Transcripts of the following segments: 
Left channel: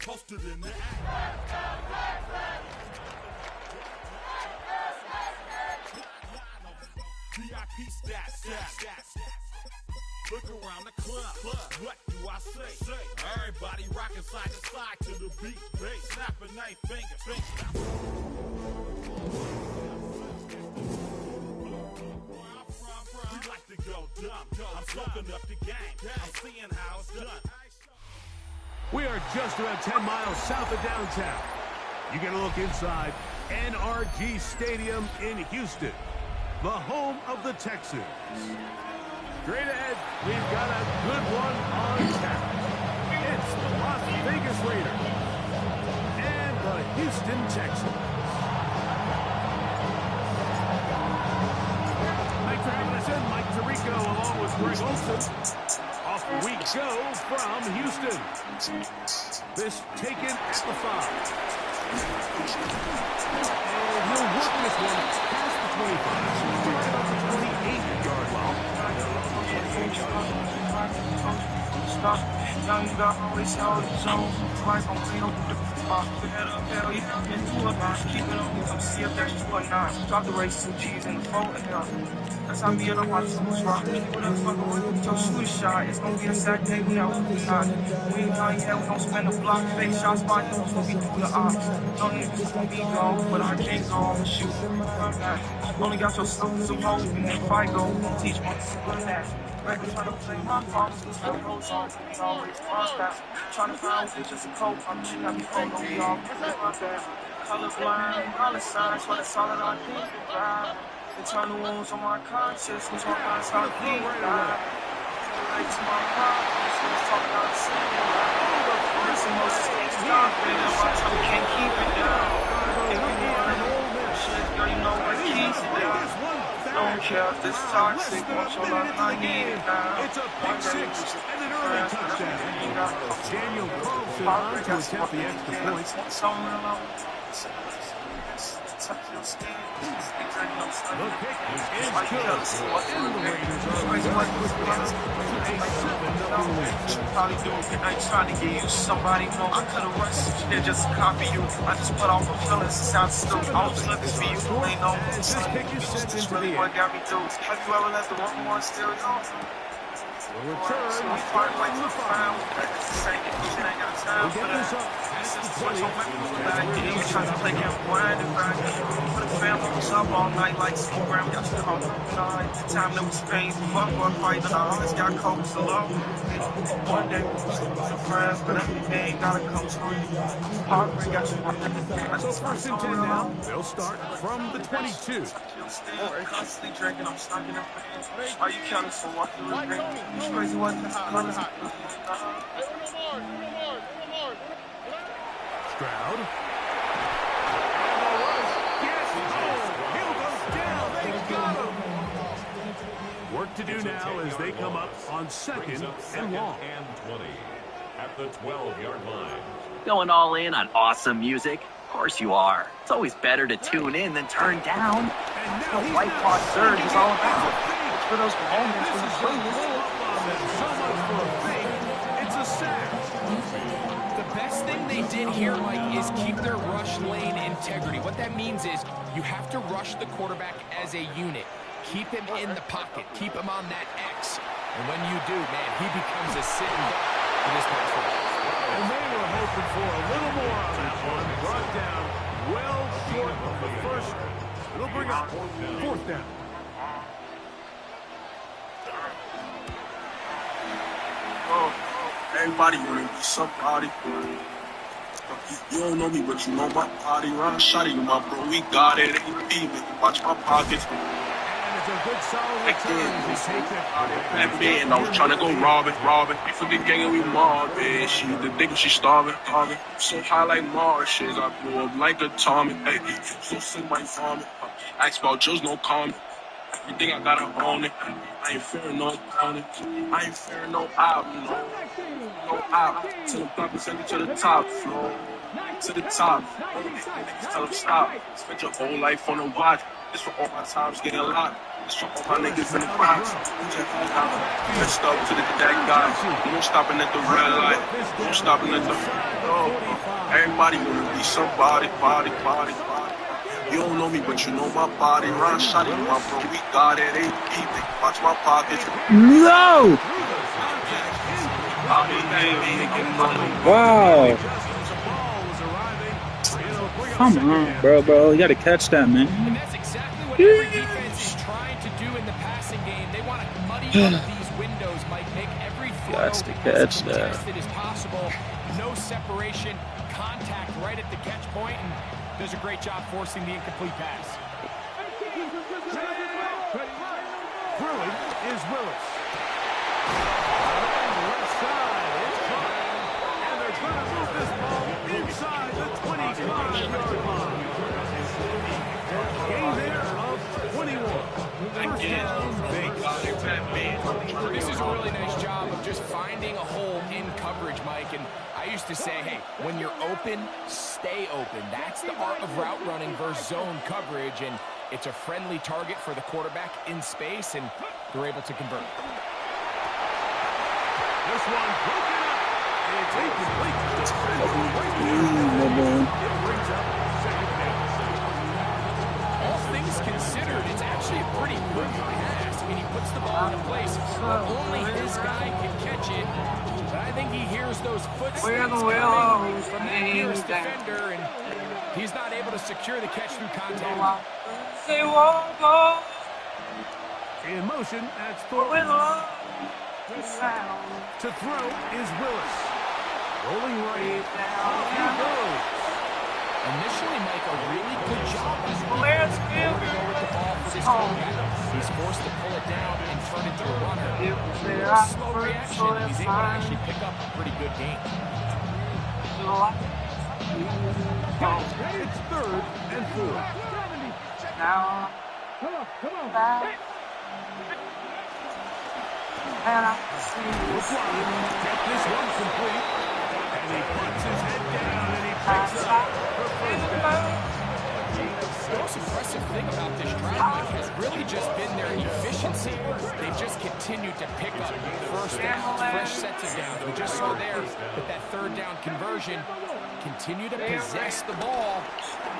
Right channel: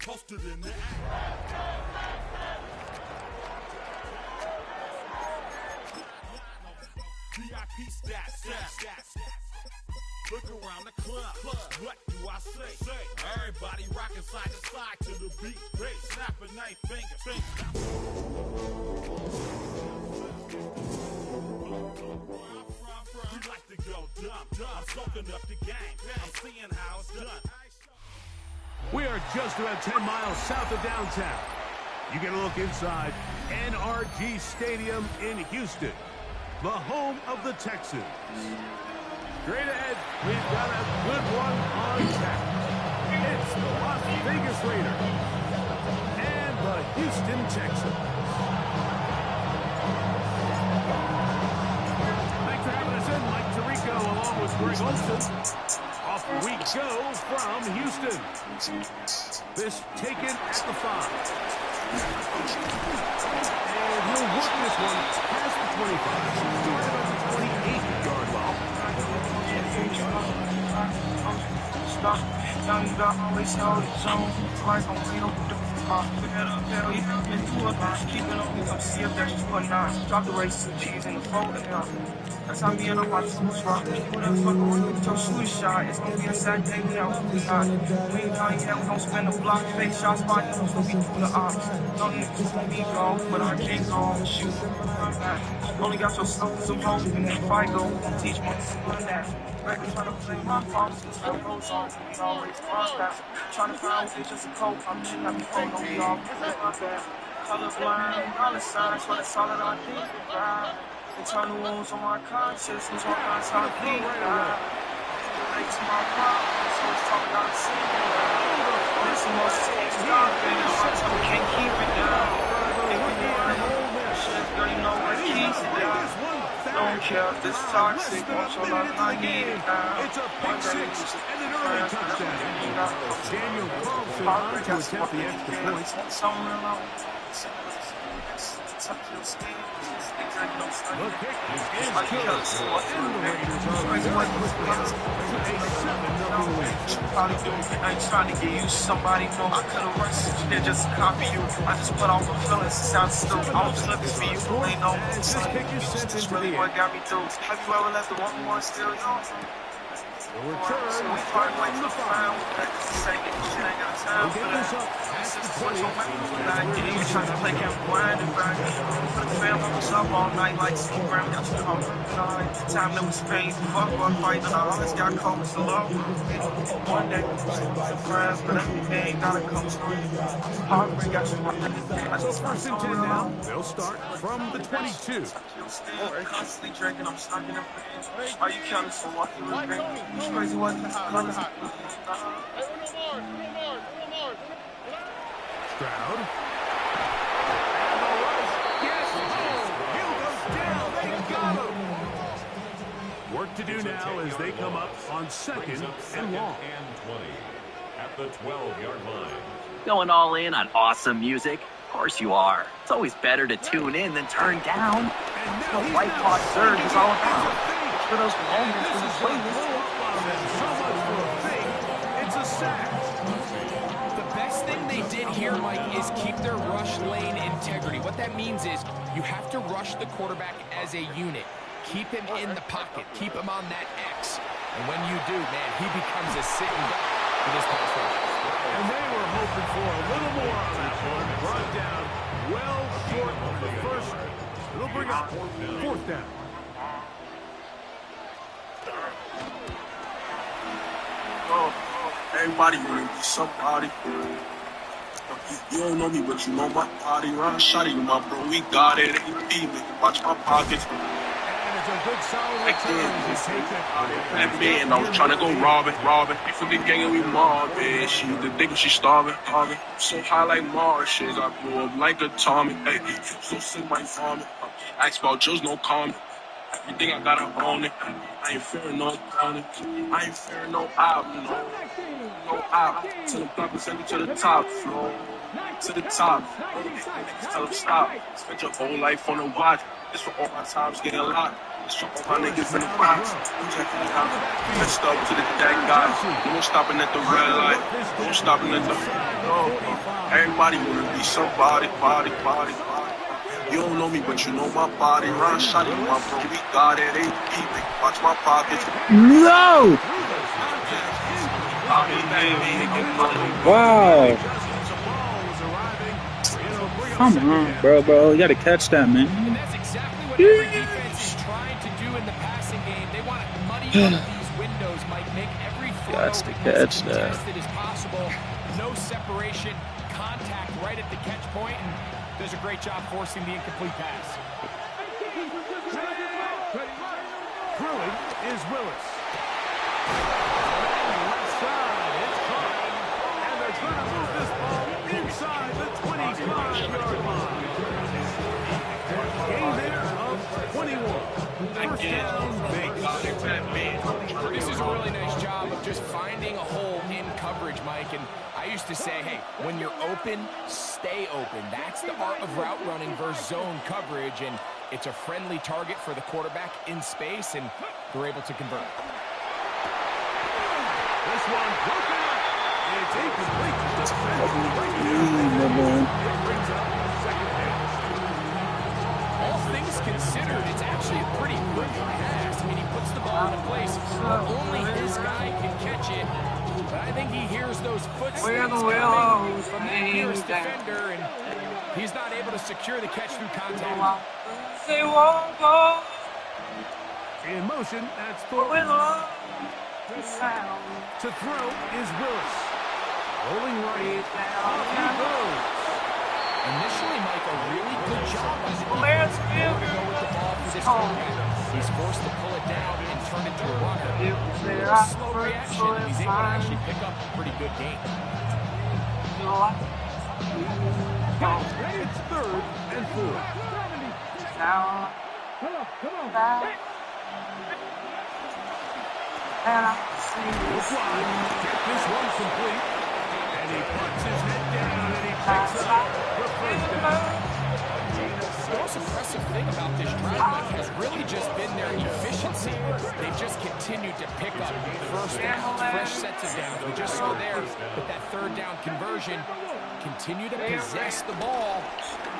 Posted in the act. VIP stats. Look around the club. What do I say? Everybody rocking side to side to the beat. Snapping 9 fingers. We like to go dumb. I'm soaking up the game. I'm seeing how it's done. We are just about 10 miles south of downtown. You get a look inside NRG Stadium in Houston, the home of the Texans. Straight ahead, we've got a good one on tap. It's the Las Vegas Raiders and the Houston Texans. Thanks for having us in, Mike Tirico, along with Greg Olson. Off we go from Houston. This taken at the 5. And he'll work this one past the 25 to right about the 28-yard line. Young got always held his own. Like I'm waiting on the hell yeah, I've been through a lot. Keep it on me, come see if there's 2 or 9. Drop the race, 2 G's in the 4 and now. That's how me and I'm watching the rock. Whatever fuck around with your shooter shot. It's gonna be a sad day, we out with the knot. We ain't done yet, we gon' spend a block. Fake shots, but I know it's gonna be through the ops. No niggas gonna be gone, but I can't go on the shoot. Only got your suckers of hope, and if I go, won't teach my son that. Records trying to play my faults, time goes on, we always cross that. Trying to find what it's just a cope, I'm shit not before, no, we all my bad. Colorblind, dollar signs, but it's all that I think about. Internal wounds on my conscience, was one last time to bleed. Relate to my problems, so it's talking out of singular. Listen, most things stop it, and my time can't keep it down. If we want to shit, girl, you know what keeps it down. Don't care if it's toxic, want your love, I need it now. It's a pick 6 and an early touchdown. Daniel Carlson on to attempt the extra point. The kick is good, and the Raiders are returning a 7-0 win. I ain't trying to get you somebody, no, I could've rushed you, just copy you. I just put off my feelings, sound stupid. I was looking for you, ain't no This kick is sent into really the what air. got me through. Have you ever let the wrong one steal yours? The return So we is part from ways the to find with that. This ain't got time We'll for get that. this up past the 20. You trying to play that wind and back. For the family was up all night like some Grammy. Got you home night. Time that was Spain. Fuck or fight. I always got cold so low. One day the friends, but everything gotta come to me. Heartbreak got you. So first and 10 now. They'll start from the 22. Constantly drinking, I'm stuck in the fridge. Are you counting for what you were drinking? It's crazy what the colors. Stroud. And the rush. Yes. Oh, Hill goes down. They got him. Work to do now as they come up on 2nd and long. And 20 at the 12-yard line. Going all in on awesome music? Of course you are. It's always better to tune in than turn down. That's what White Claw Surge is all about. It's for those moments when you play this. So much for a fake. It's a sack. The best thing they did here, Mike, is keep their rush lane integrity. What that means is you have to rush the quarterback as a unit. Keep him in the pocket. Keep him on that X. And when you do, man, he becomes a sitting duck for this pass rush. And they were hoping for a little more on that one. Brought down well short of the first. It'll bring up 4th down. Oh, everybody wanna be somebody. You don't know me, but you know my body. Run shot at you, my bro. We got it. AP, watch my pockets. And it's a good solid return as he takes it. And man, I was trying to go robbing. We for the gang and we mobbing. She the dick, she starving. So high like Marshes. I blew up like atomic. Hey, so sick, my vomit. Ask about just no comment. Everything I gotta own it. I ain't fearing no opponent. I ain't fearing no op, no op. To the block and send it to the top floor. To the top. Tell them stop. Spend your whole life on the watch. This for all my times getting locked. So all my niggas in the box. Messed up to that guy. No stopping at the red light. No stopping at the. Everybody wanna be somebody, body. You don't know me, but you know my body. Run, shot it, my bro. We got it. AP. Watch my pockets. No! Wow. Come on, bro. You got to catch that, man. And that's exactly what every defense is trying to do in the passing game. They want to muddy up these windows, Mike. Make every throw as contested as possible. No separation, contact right at the catch point, and does a great job forcing the incomplete pass. Throwing is Willis. And left side, it's caught. And they're going to move this ball inside the 25-yard line. Gain there of 21. First down, big. This is a really nice job of just finding a hole in coverage, Mike. And I used to say, hey, when you're open, stay open. That's the art of route running versus zone coverage. And it's a friendly target for the quarterback in space, and they're able to convert. This one broken up. It's incomplete. It brings up second down. All things considered, it's actually a pretty good pass. I mean, he puts the ball in a place where only his guy can catch it. But I think he hears those footsteps coming from the nearest defender, and he's not able to secure the catch through contact. In motion, that's Thornton. To throw is Willis. Rolling right. Off he goes. Initially, Mike, a really good job by the defense. Nowhere to go with the ball for this quarterback. He's forced to pull it down and turn it to a runner. A slow reaction, and he's able to actually pick up a pretty good gain. It's 3rd and 4. Now, come on. We'll fly. Get this one complete. And he puts his head down and he picks up for first down. The most impressive thing about this drive, Mike, has really just been their efficiency. They've just continued to pick up first downs, fresh sets of downs. We just saw there with that 3rd down conversion. Continue to possess the ball.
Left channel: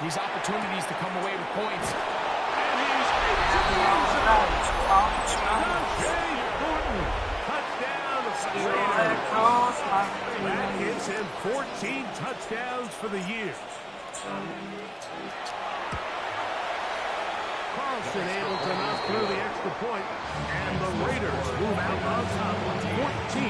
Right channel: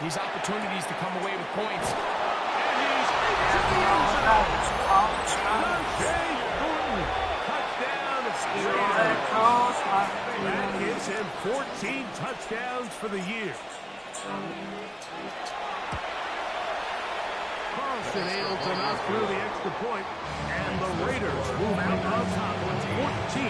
These opportunities to come away with points. And he's into the end zone. Jay Thornton. Touchdown of Raiders. That gives him 14 touchdowns for the year. Carlson able to knock through the extra point, and the Raiders move out on top 14-0.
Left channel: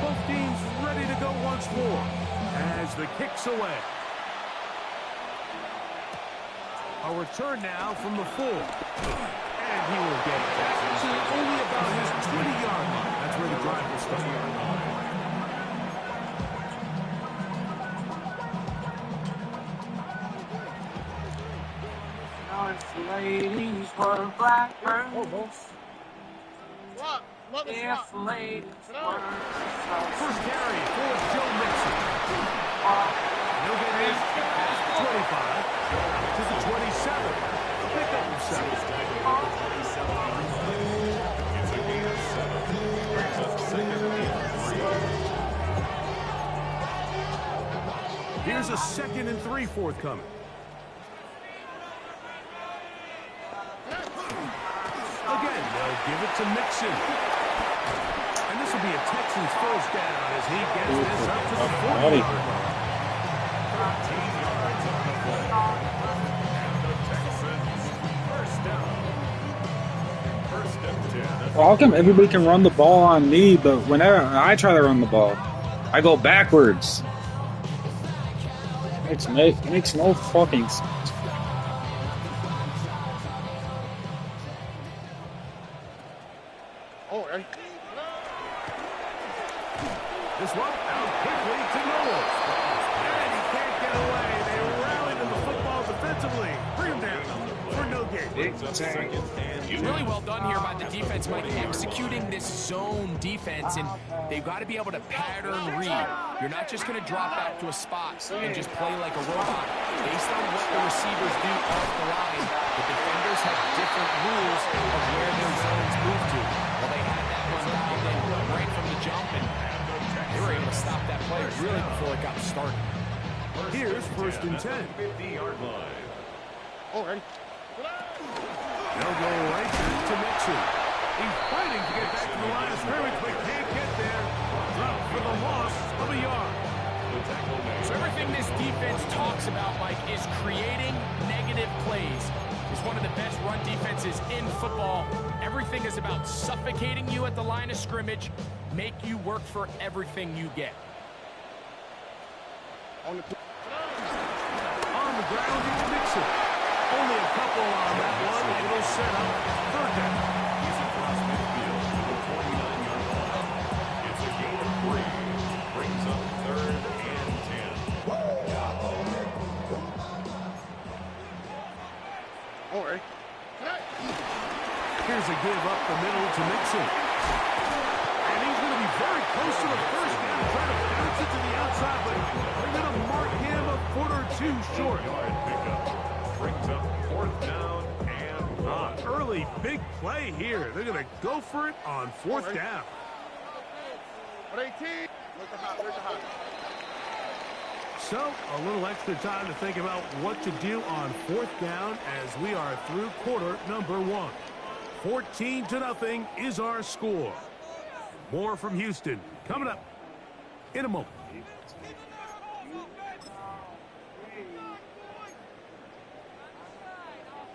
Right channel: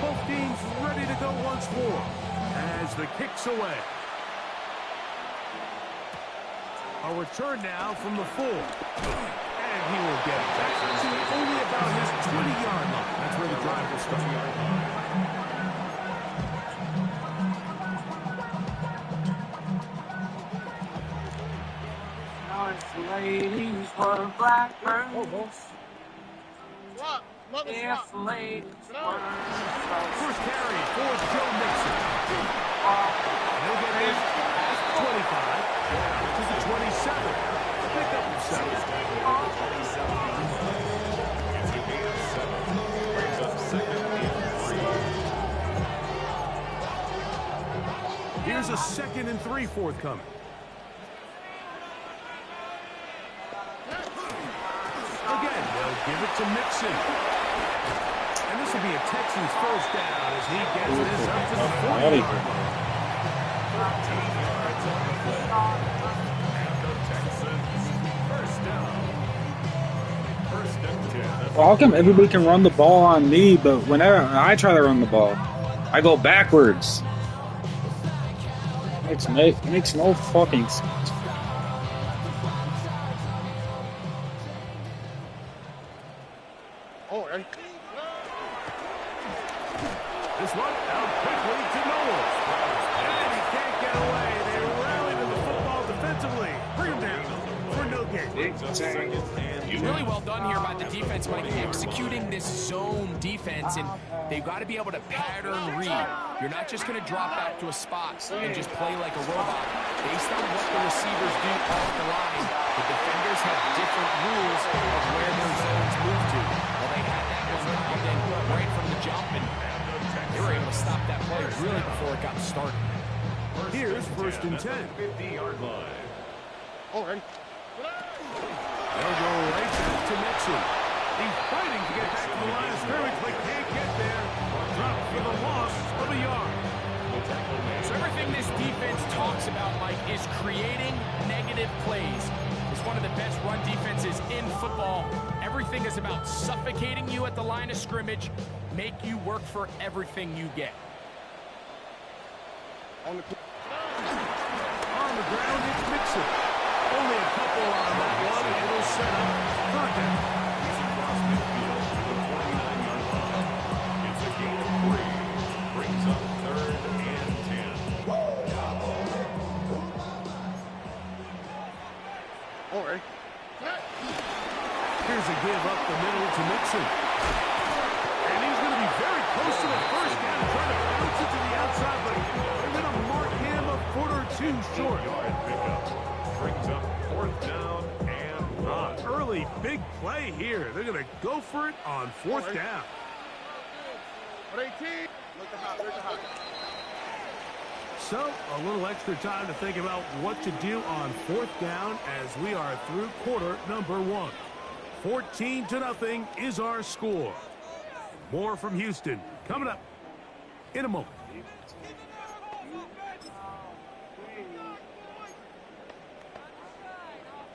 Both teams ready to go once more as the kick's away. A return now from the 4. And he will get it back to only about his 20-yard line. That's where the drive will start. Ladies were blackbirds. If ladies were First carry for Joe Mixon. And he'll get his past 25 to the 27. A pickup of 7. It's a gain of 7. Brings up 2nd and 3. Here's a 2nd and 3 forthcoming. Again, they'll give it to Mixon. And this will be a Texans first down as he gets this up to the 40-yard line. 13 yards on the play. And the Texans first down. 1st and 10. Well, how come everybody can run the ball on me, but whenever I try to run the ball, I go backwards? Makes no fucking sense. This one out quickly to Knowles. And he can't get away. They rally to the football defense. defensively. Bring him down for no gain. Really well done here by the defense, Mike, executing this zone defense, and they've got to be able to pattern read. You're not just going to drop back to a spot and just play like a robot. Based on what the receivers do off the line, the defenders have different rules of where their zones move to. Well, they had that one dialed in right from the jump, and they were able to stop that play really before it got started. Here's 1st and 10. 50-yard line. Already. They'll go right back to Mixon. He's fighting to get back to the line of scrimmage, but can't get there. Drop for the loss of a yard. So everything this defense talks about, Mike, is creating negative plays. It's one of the best run defenses in football. Everything is about suffocating you at the line of scrimmage, make you work for everything you get. On the ground, it's Mixon. Only a couple on that one. It'll set up 3rd down. He's across midfield to the 29-yard line. It's a gain of 3. Brings up 3rd and 10. All right. Here's a give up the middle to Mixon. And he's going to be very close to the 1st down and try to bounce it to the outside, but they're going to mark him a foot or 2 short. Yard pickup. Brings up 4th down and 1. Early big play here. They're going to go for it on 4th down. 18. Look at hot. So, a little extra time to think about what to do on 4th down as we are through quarter number 1. 14-0 is our score. More from Houston coming up in a moment.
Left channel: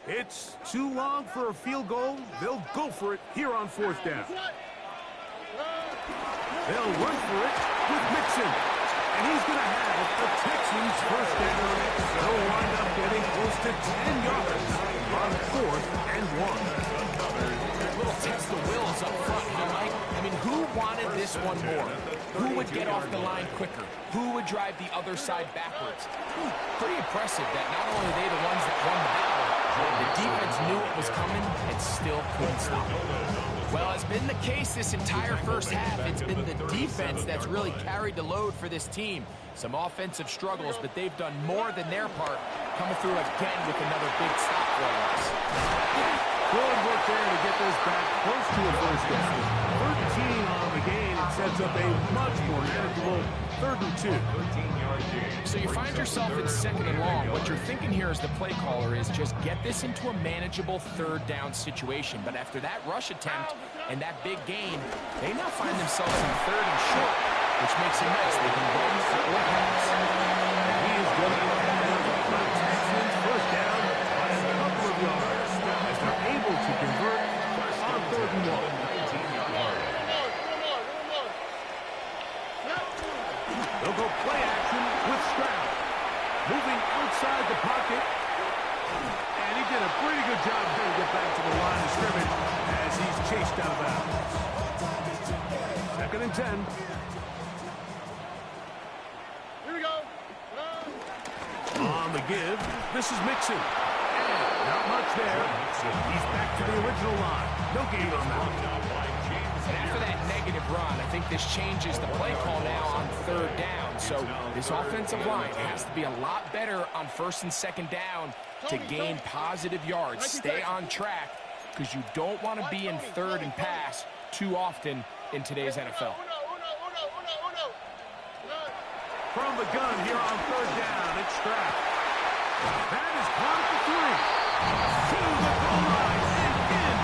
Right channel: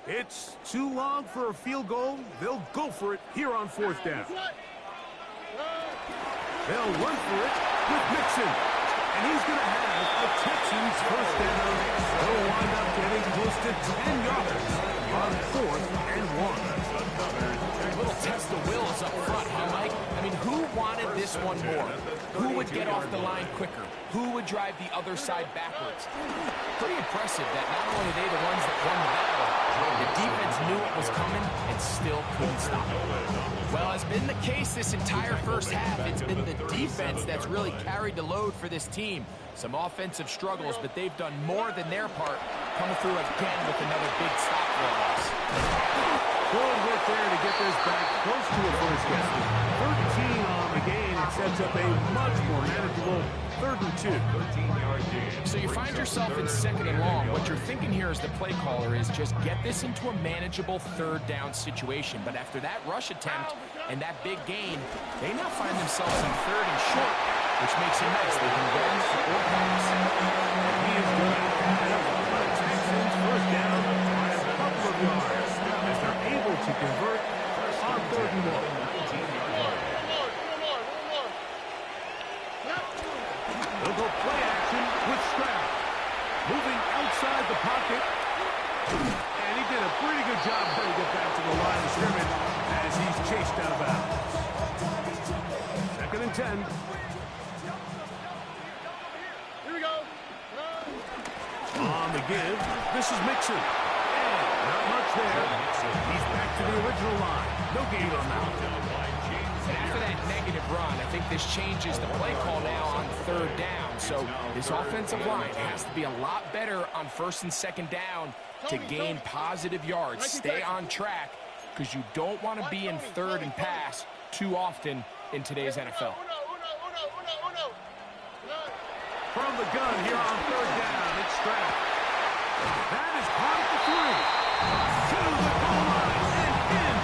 It's too long for a field goal. They'll go for it here on 4th down. They'll run for it with Mixon. And he's going to have a Texans 1st down. They'll wind up getting close to 10 yards on 4th and 1. A little test of wills up front, huh, Mike? I mean, who wanted this one more? Who would get off the line quicker? Who would drive the other side backwards? Pretty impressive that not only are they the ones that won the battle, the defense knew it was coming and still couldn't stop it. Well, it's been the case this entire 1st half. It's been the defense that's really carried the load for this team. Some offensive struggles, but they've done more than their part, coming through again with another big stop for a loss. Good work there to get this back close to a 1st down. 13 on the gain. It sets up a much more manageable 3rd and 2. 13-yard gain. So you find yourself in 2nd and long. What you're thinking here as the play caller is just get this into a manageable 3rd down situation. But after that rush attempt and that big gain, they now find themselves in 3rd and short, which makes it nice. They can run or pass. And he is going to have the Texans 1st down by a couple of yards as they're able to convert on 3rd and 1. 19-yard line. They'll go play action with Stroud. Moving outside the pocket. And he did a pretty good job trying to get back to the line of scrimmage as he's chased out of bounds. 2nd and 10. Here we go. On the give, this is Mixon. And not much there. He's back to the original line. No gain on that. And after that negative run, I think this changes the play call now on 3rd down. So this offensive line has to be a lot better on 1st and 2nd down to gain positive yards. Stay on track because you don't want to be in 3rd and pass too often in today's NFL. From the gun here on 3rd down, it's Stroud. That is caught at the 3. To the goal line and in.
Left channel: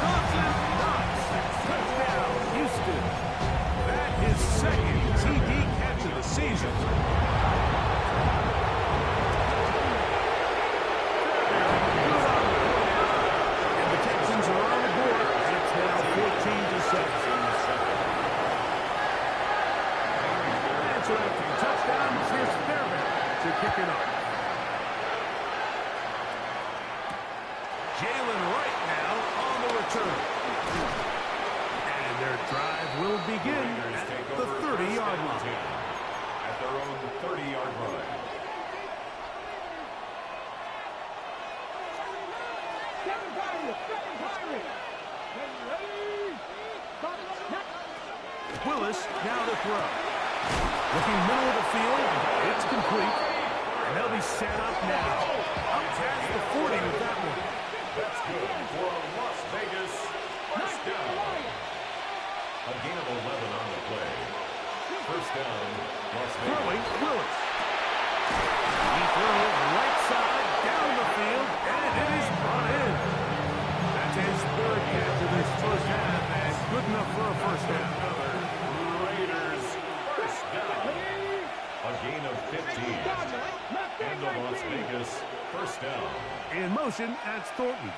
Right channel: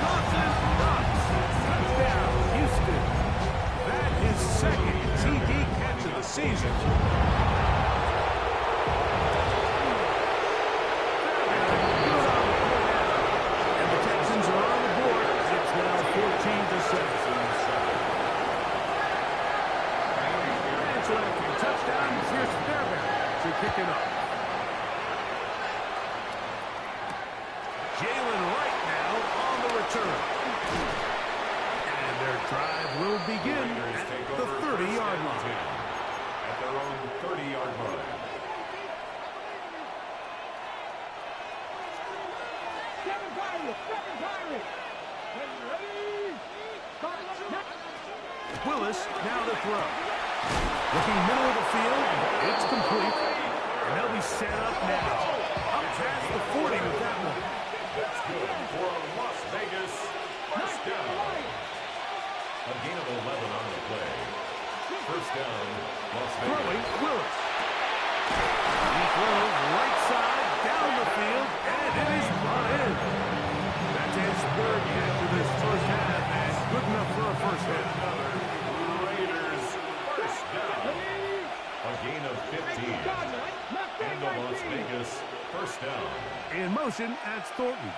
Dawson Knox. Touchdown, Houston. That is 2nd TD catch of the season. Good on the point out. And the Texans are on the board. It's now 14-7. And so after the touchdown, here's Fairbairn to kick it off. Jalen Wright now on the return. And their drive will begin at the 30-yard line. At their own 30-yard line. Willis now to throw. Looking middle of the field. It's complete. And they'll be set up now. Up past the 40 with that one. That's good for Las Vegas. First down. A gain of 11 on the play. First down, Las Vegas. Throwing, Willis. He throws right side down the field, and it is brought in. That's his third catch of this first half, and good enough for a first down. Another Raiders first down. A gain of 15. And the Las Vegas first down. In motion, that's Thornton.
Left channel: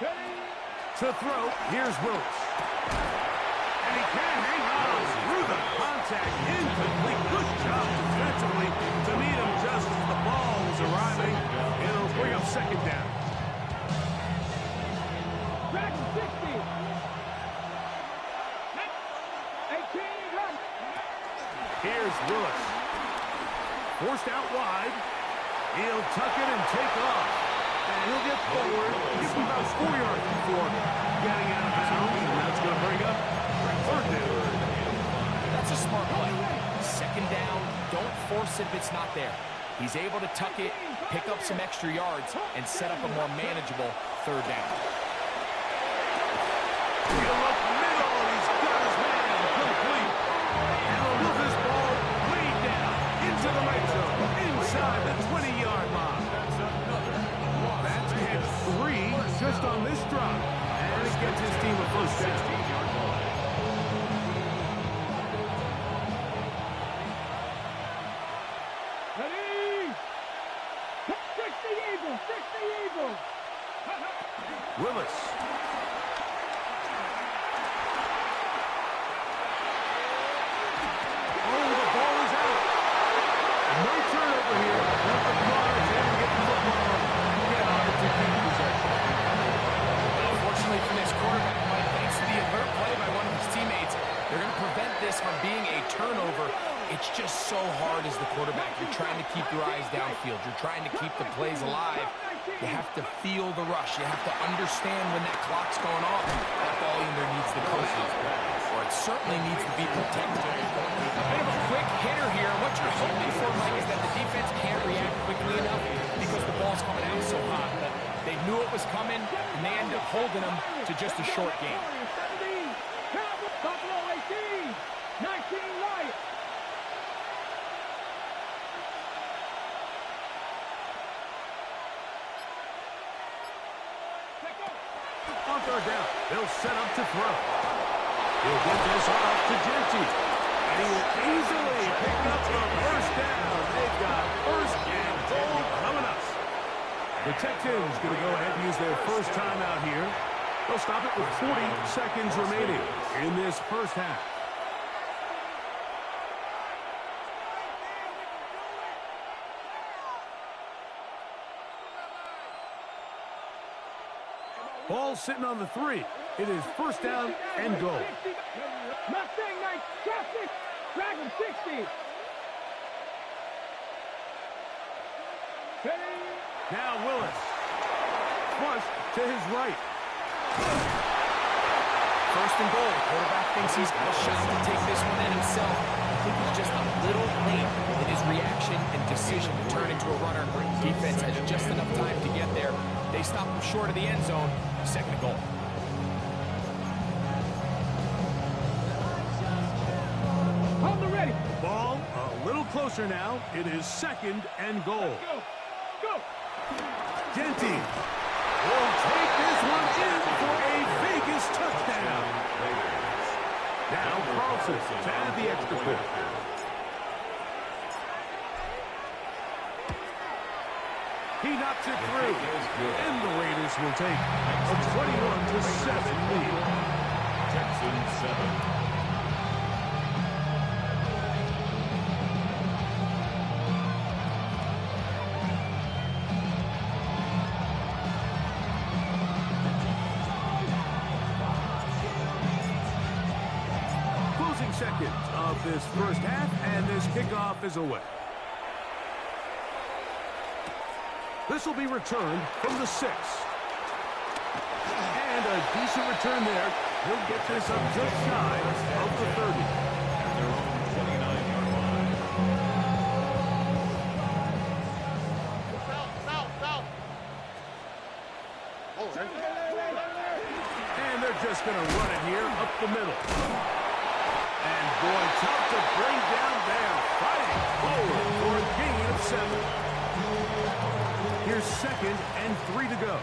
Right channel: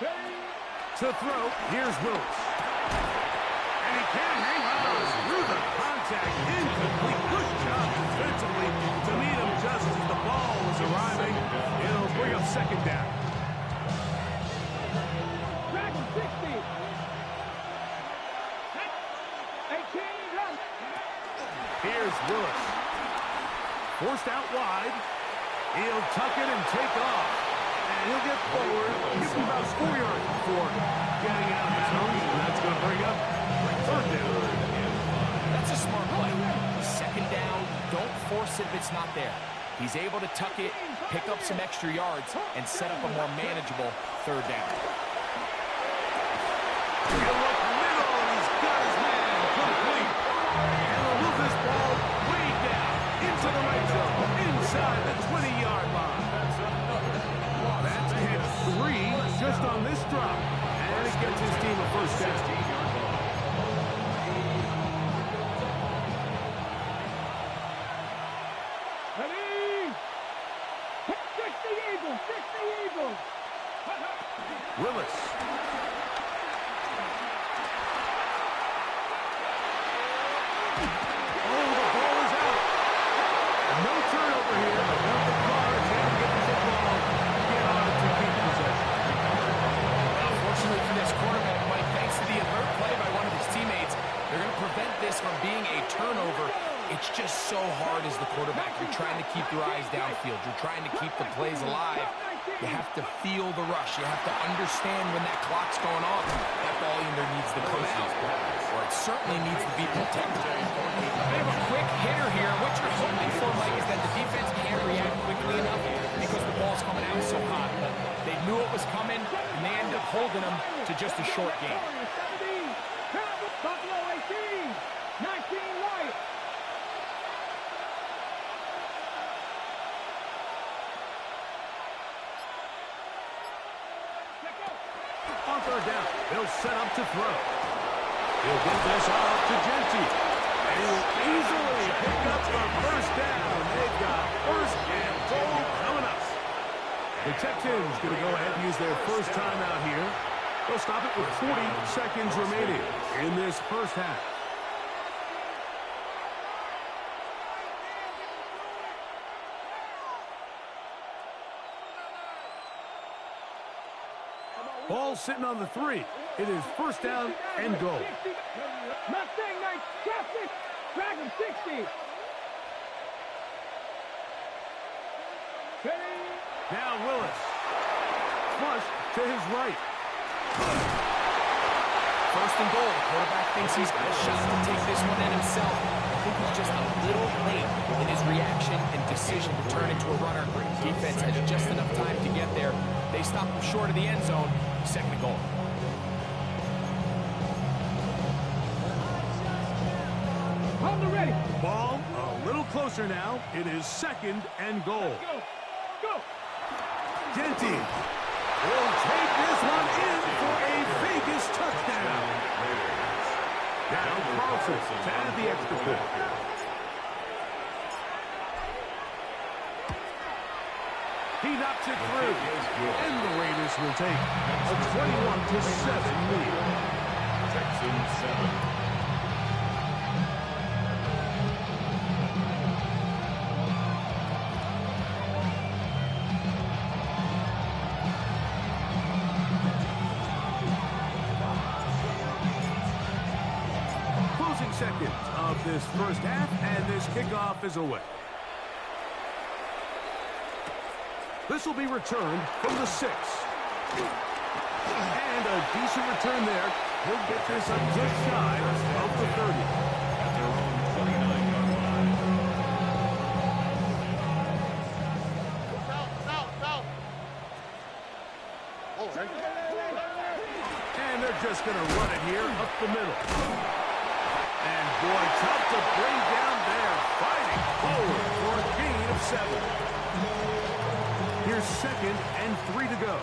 To throw, here's Willis. And he can't hang on through the contact. Incomplete. Good job defensively to meet him just as the ball was arriving. It'll bring up second down. Here's Willis. Forced out wide. He'll tuck it and take off. And he'll get forward. Give him about 4 yards before getting out of bounds. And that's going to bring up third down. That's a smart play. Second down, don't force it if it's not there. He's able to tuck it, pick up some extra yards, and set up a more manageable third down. He'll look middle, and he's got his man complete. And he'll move this ball way down into the red zone, inside the 20-yard line. That's hit 3 just on this drop. And it gets his team a first down. 16-yard line. Willis. Oh, the ball is out. No turnover here. But the Cards able to get the football, get on it to keep possession. Fortunately for this quarterback, Mike, thanks to the alert play by one of his teammates, they're going to prevent this from being a turnover. It's just so hard as the quarterback. You're trying to keep your eyes downfield. You're trying to keep the plays alive. You have to feel the rush. You have to understand when that clock's going off. That ball either needs to come out, or it certainly needs to be protected. A bit of a quick hitter here. What you're hoping for, Mike, is that the defense can't react quickly enough because the ball's coming out so hot. But they knew it was coming, and they end up holding them to just a short game. Buffalo 18, 19 Lions. On third down, they'll set up to throw. He'll get this off to Genty. And he will easily pick up the first down. They've got first and goal coming up. The Texans going to go ahead and use their first timeout here. They'll stop it with 40 seconds remaining in this first half. Ball sitting on the 3. It is first down and goal. Mustang Knight, Justice, Dragon 60. Now Willis. Flush to his right. First and goal. The quarterback thinks he's got a shot to take this one in himself. I think he's just a little late in his reaction and decision to turn into a runner. Defense has just enough time to get there. They stop him short of the end zone. Second and goal. On the ready. Ball a little closer now. It is second and goal. Go. Go. Genty will take this one in for a Vegas touchdown. Now Carlson to add the extra point. He knocks it through, and the Raiders will take a 21-7 lead. Texans 7. Closing seconds of this first half, and this kickoff is away. This will be returned from the 6. And a decent return there. He'll get this up just shy of the 30. At their own 29-yard line. And they're just going to run it here up the middle. And boy, tough to bring down there. Fighting forward for a gain of 7. Here's 2nd and 3 to go.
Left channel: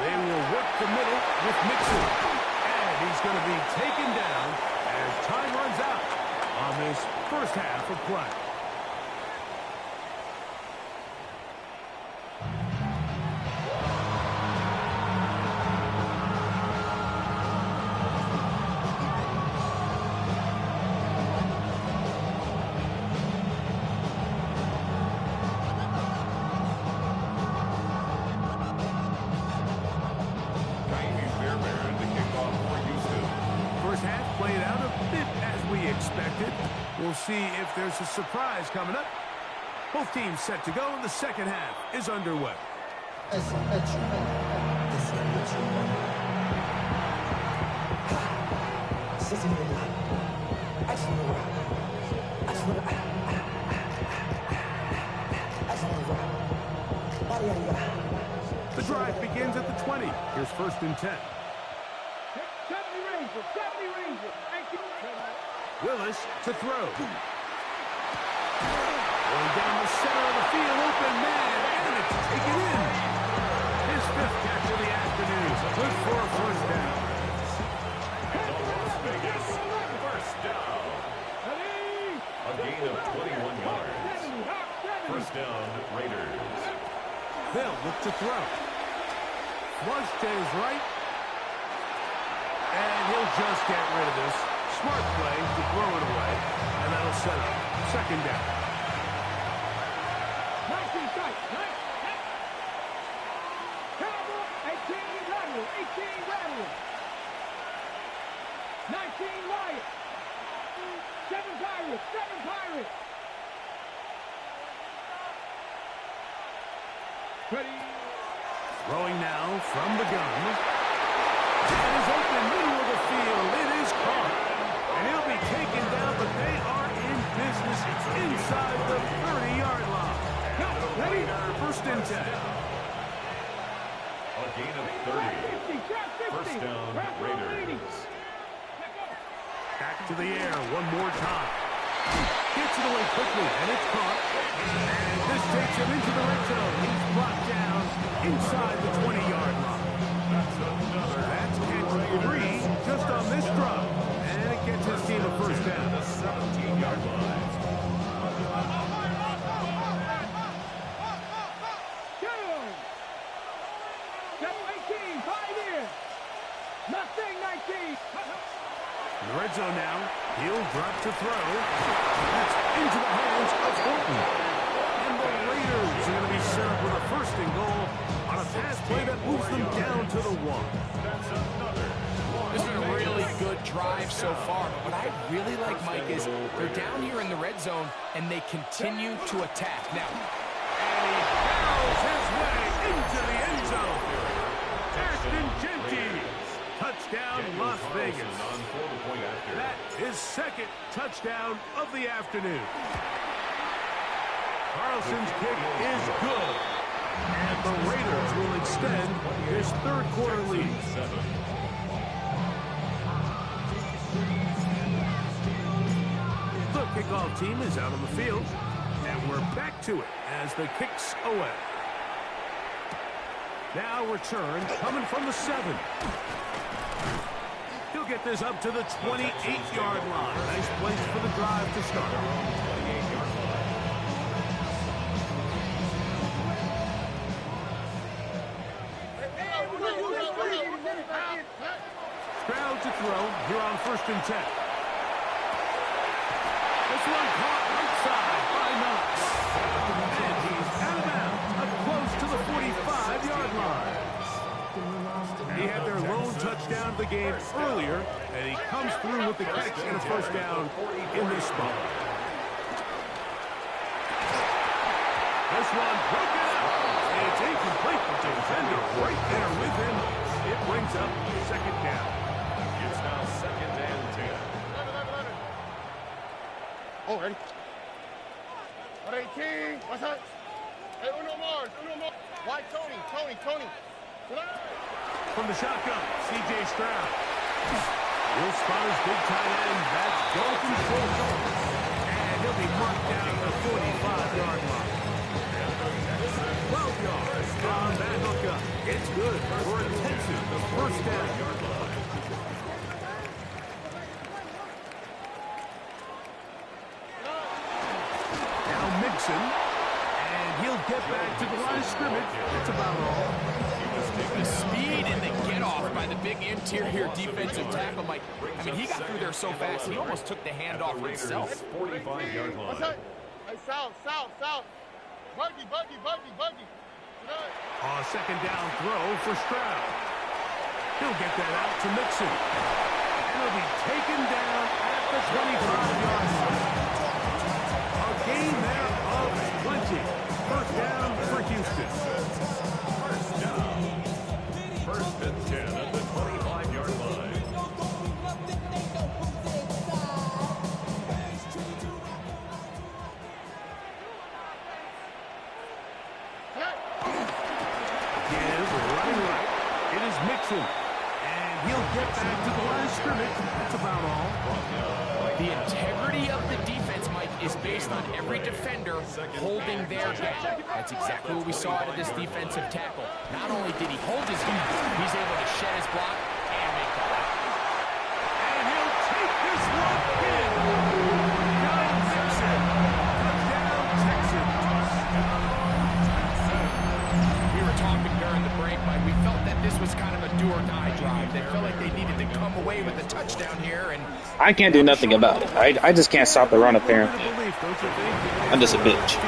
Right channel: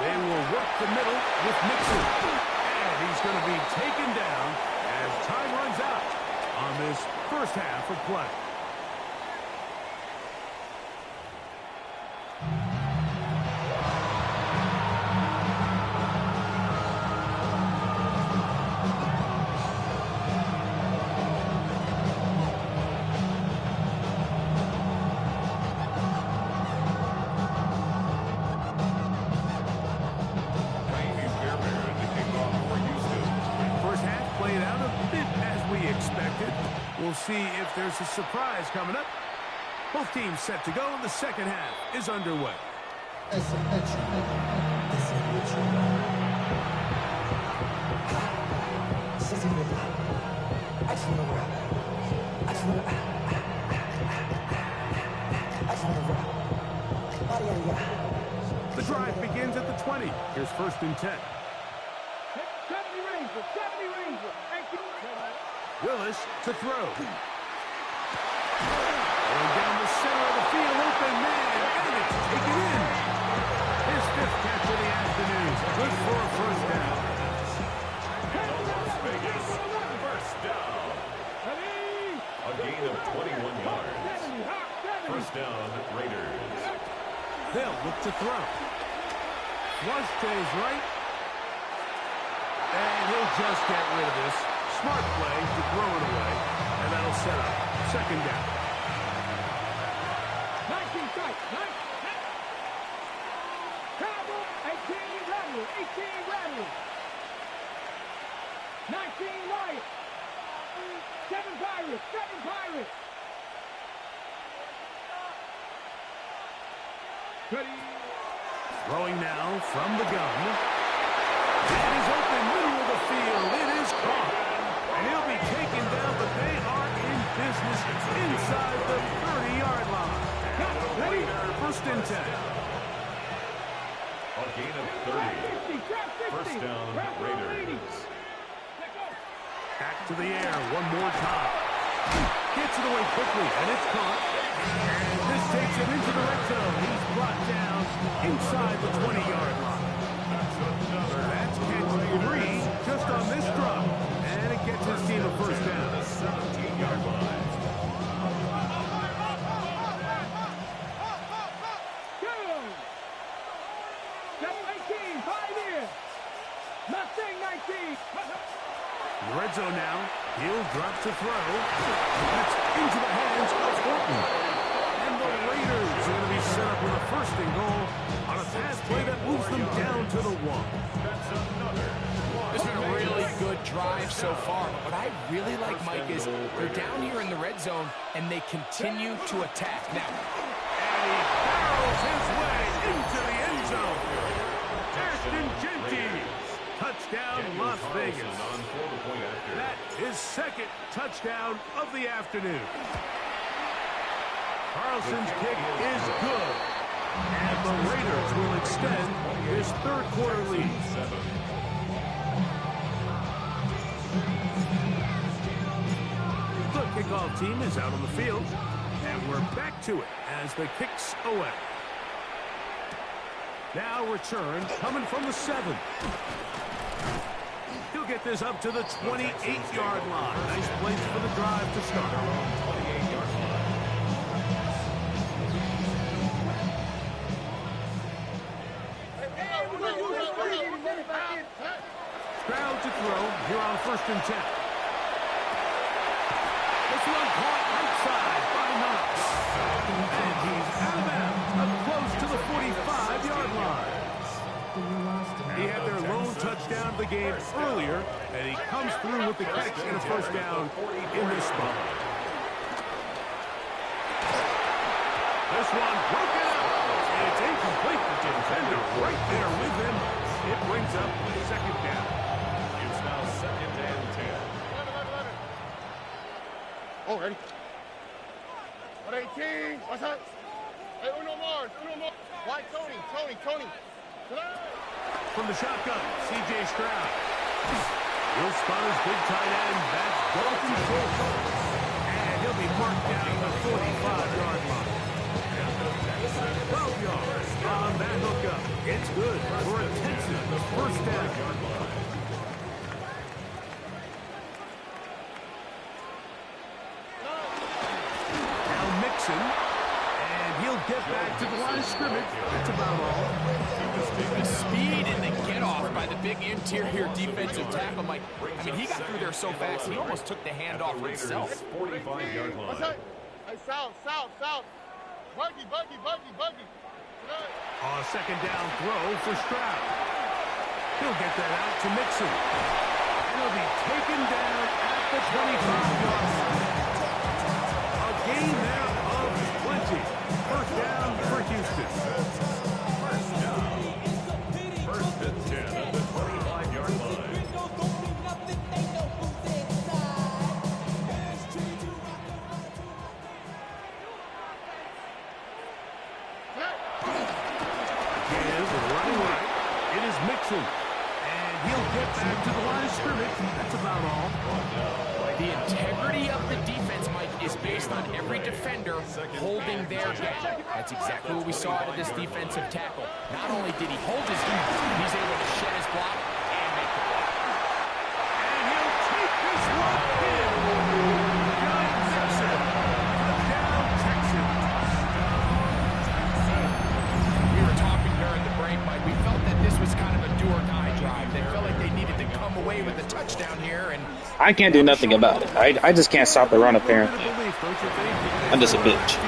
They will work the middle with Mixon. And he's going to be taken down as time runs out on this first half of play. Played out a bit as we expected. We'll see if there's a surprise coming up. Both teams set to go, and the second half is underway. The drive begins at the 20. Here's 1st and 10. 70 Ranger, 70 Ranger. Willis to throw. Going down the center of the field, open man, and it's taken in. His 5th catch of the afternoon. Good for a first down. And the Las Vegas first down. A gain of 21 yards. First down, Raiders. They'll look to throw. Flush to his right. And he'll just get rid of this. Smart play to throw it away. And that'll set up 2nd down. 19 strike. 18 Rattler. 18 Rattler. 19 Lion. 7 Pirates. 7 Pirates. Ready. Throwing now from the gun. It is open, middle of the field. It is caught. And he'll be taken down, but they are in business inside the 30-yard line. Ready? 1st and 10. A gain of 30. First down, Raiders. Back to the air one more time. Gets it away quickly, and it's caught. And this takes him into the red zone. He's brought down inside the 20-yard line. That's catch 3 just on this drop. And it gets his team a first down. The 17-yard line. Step 18, 5 in. Mustang 19. In the red zone now. He'll drop to throw. That's into the hands of Horton. And the Raiders are going to be set up with a 1st and goal on a pass play that moves them down to the 1. That's another. It's been a really good drive so far. But what I really like, Mike, is they're down here in the red zone, and they continue to attack. Now, and he barrels his way into the end zone. Ashton Genty. Touchdown, Las Vegas. That is 2nd touchdown of the afternoon. Carlson's kick is good. And the Raiders will extend his 3rd quarter lead. The kickoff team is out on the field. And we're back to it as the kick's away. Now return coming from the 7. He'll get this up to the 28-yard line. Nice place for the drive to start. 28-yard line. Stroud to throw here on 1st and 10. This one caught right side by Knox. And he's out of bounds up close to the 45-yard line. He had their lone touchdown of the game earlier, and he comes through with the catch and a first down in this spot. This one broken up. It's incomplete. The defender right there with him. It brings up second down. It's now 2nd and 10. 11. Oh, ready? 18. What's that? Hey, uno more. Why, Tony. From the shotgun, C.J. Stroud. He'll spot his big tight end. That's Dalton Schultz. And he'll be marked down at the 45-yard line. 12 yards on that hookup. It's good for a Texans first down. Now Mixon, and he'll get back to the line of scrimmage. That's about all. The speed and the get-off by the big interior defensive tackle, Mike. I mean, he got through there so fast, he almost took the handoff for himself. 45-yard line. What's that? Hey, south. Buggy. Second down throw for Stroud. He'll get that out to Mixon. And he'll be taken down at the 25-yard line. A gain there of 20. First down for Houston. First and 10 at the 25-yard line. Running right. It is Mixon. And he'll get back to the line of scrimmage. That's about all. The integrity of the defense, Mike, is based on every defender holding their gap. That's exactly what we saw out of this defensive tackle. Not only did he hold his gap, he's able to shed his block and make the play. And he'll take this one in. John Mixon. Touchdown, Texans. We were talking during the break, Mike. We felt that this was kind of a do-or-die drive. They felt like they needed to come away with a touchdown here, and I can't do nothing about it. I just can't stop the run, apparently. I'm just a bitch.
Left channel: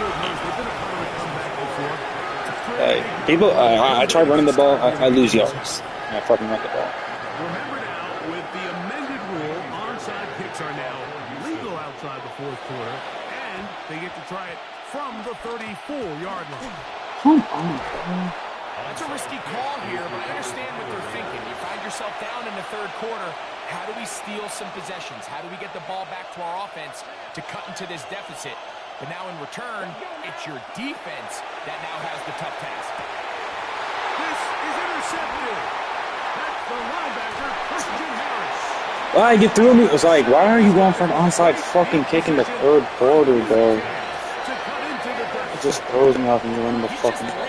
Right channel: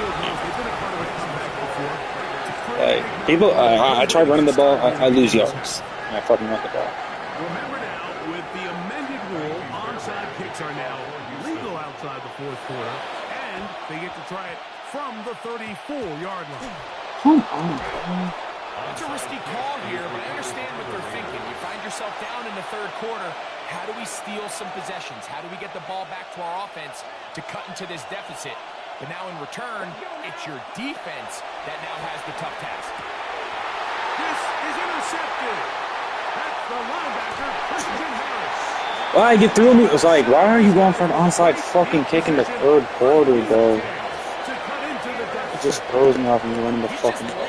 People, I try running the ball, I lose yards. I fucking run the ball. Remember now, with the amended rule, onside kicks are now legal outside the fourth quarter, and they get to try it from the 34-yard line. Come on. That's a risky call here, but I understand what they're thinking. You find yourself down in the third quarter. How do we steal some possessions? How do we get the ball back to our offense to cut into this deficit? But now in return, it's your defense that now has the tough task. This is intercepted. That's the linebacker, Christian Harris. Why I get through me? It was like, why are you going for an onside fucking kick in the third quarter, bro? It just throws me off when you're running the fucking ball.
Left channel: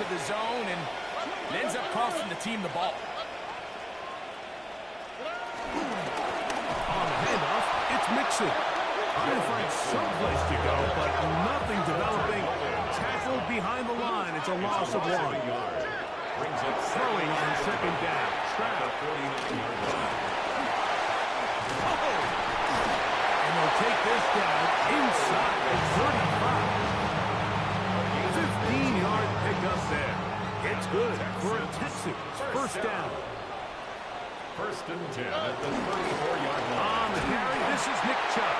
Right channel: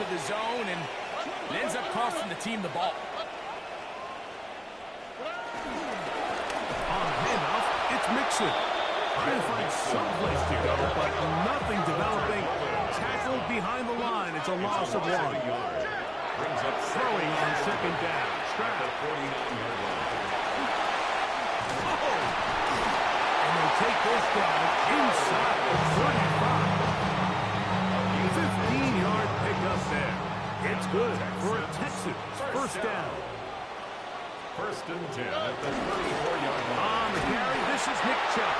The zone and it ends up costing the team the ball. On the handoff, it's Mixon. Trying to find some place to go, but nothing developing. Tackled behind the line. It's a loss of 1. Throwing on second down. Stroud. 49-yard line. Oh! And they'll take this down inside the 35. 15-yard pickup there. It's good for a Texans first down. First and 10 at the 34-yard line. On the carry, this is Nick Chubb.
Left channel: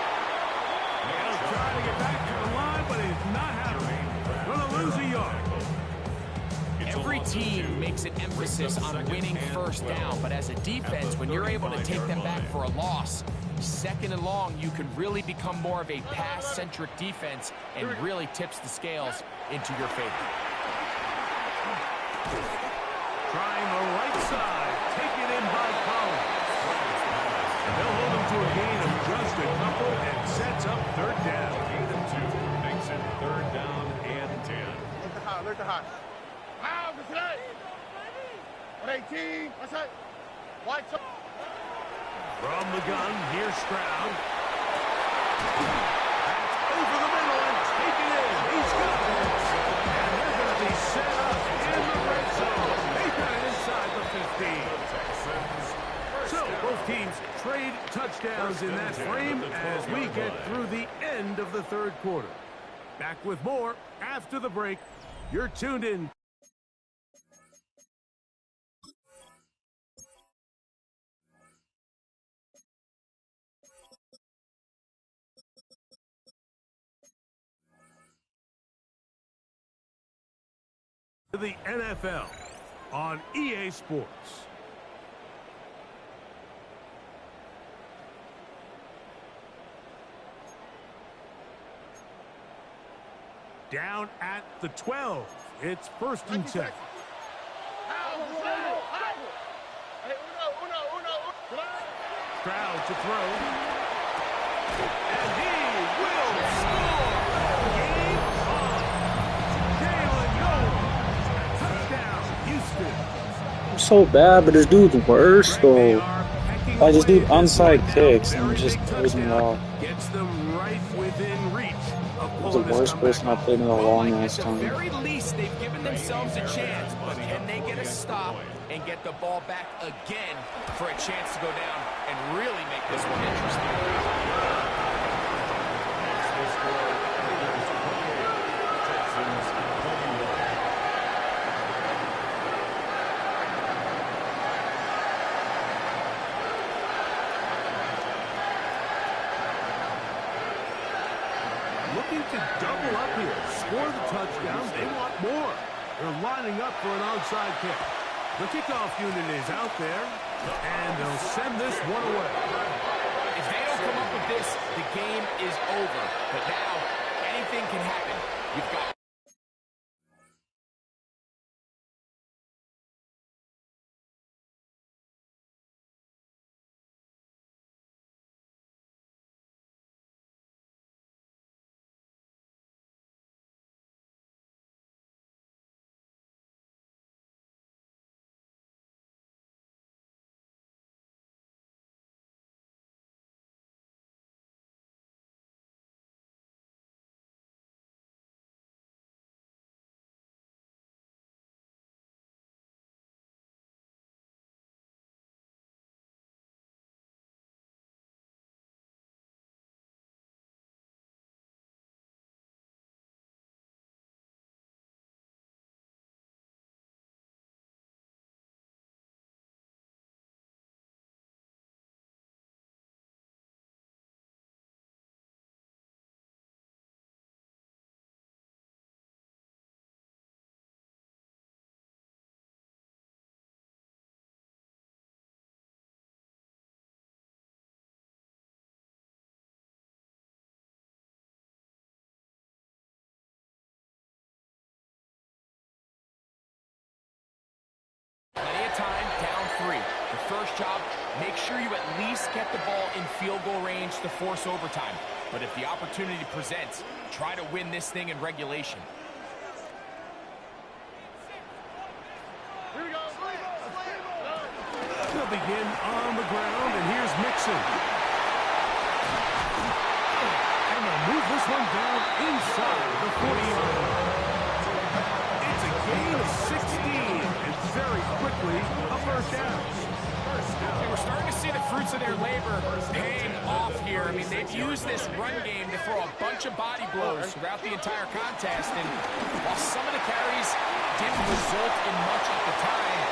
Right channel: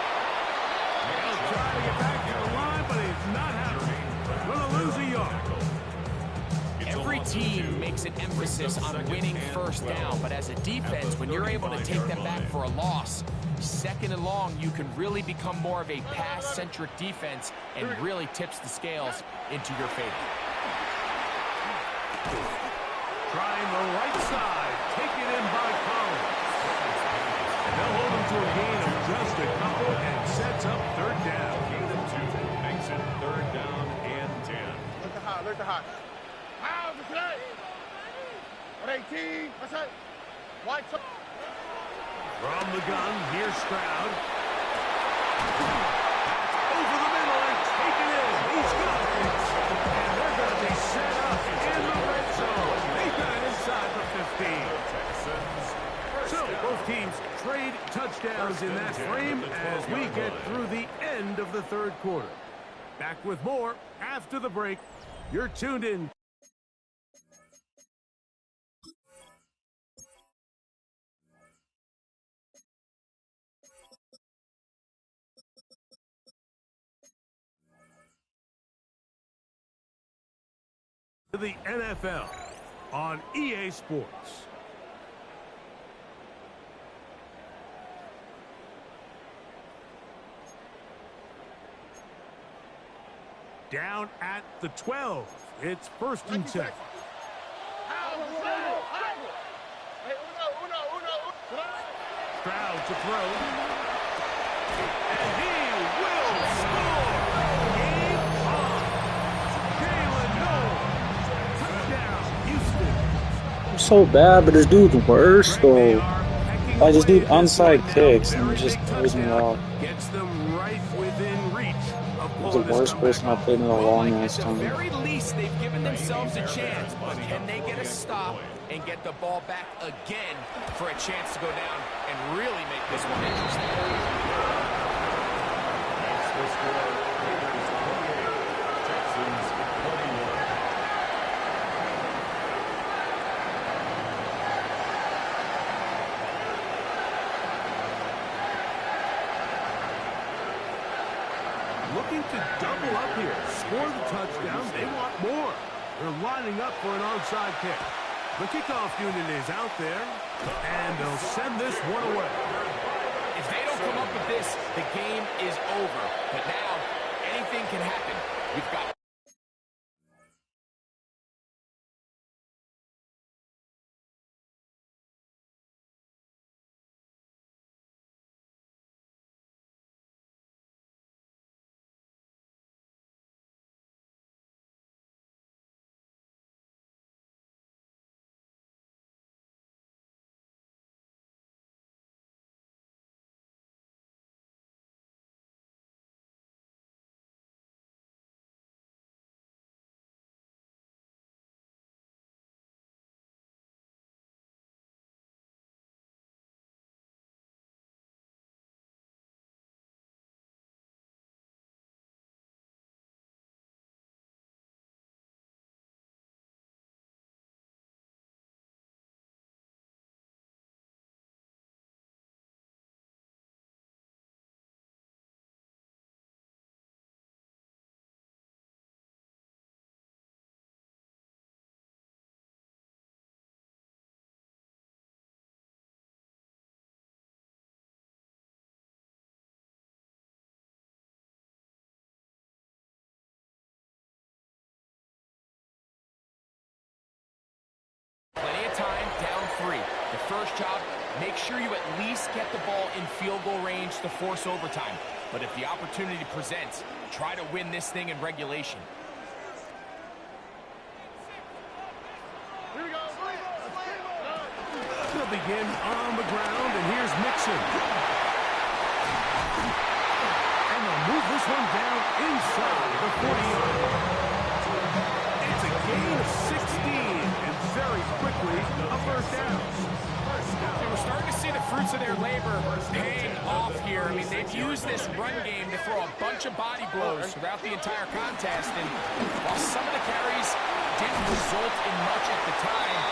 He'll try to get back to the line, but he's not happening. Going to lose a yard. Every team makes an emphasis on winning first down, but as a defense, when you're able to take them back for a loss, second and long, you can really become more of a pass-centric defense and really tips the scales into your favor. Trying the right side, taken in by Collins. And they'll hold him to a gain of just a couple and sets up third down. Gain of 2 makes it third down and 10. Look the hot. How the play? 18. What's that? White. From the gun, here's Stroud. That's over the middle and taken in. He's got it. And they're going to be set up in the red zone. They got it inside the 15. So both teams trade touchdowns in that frame as we get through the end of the third quarter. Back with more after the break. You're tuned in the NFL on EA Sports. Down at the 12. It's 1st and 10. Stroud to throw. And he will score! Game on! Jalen Noel! Touchdown, Houston! I'm so bad, but this dude's worse, though. Like, this dude onside kicks and just throws me off. Gets them right within reach. He's the worst person I played in a long ass time. At the very least, they've given themselves a chance, but can they get a stop and get the ball back again for a chance to go down and really make this one interesting? Next, the score, Raiders 28, Texans 21. Looking to double up here. Score the touchdown. They want more. They're lining up for an onside kick. The kickoff unit is out there, and they'll send this one away. If they don't come up with this, the game is over. But now, anything can happen. You've got... Plenty of time, down 3. The first job, make sure you at least get the ball in field goal range to force overtime. But if the opportunity presents, try to win this thing in regulation. Here we go. They'll begin on the ground, and here's Mixon. And they'll move this one down inside the 40-yard line. It's a gain of 16, and very quickly, a first down. They were starting to see the fruits of their labor paying off here. I mean, they've used this run game to throw a bunch of body blows throughout the entire contest, and while some of the carries didn't result in much at the time,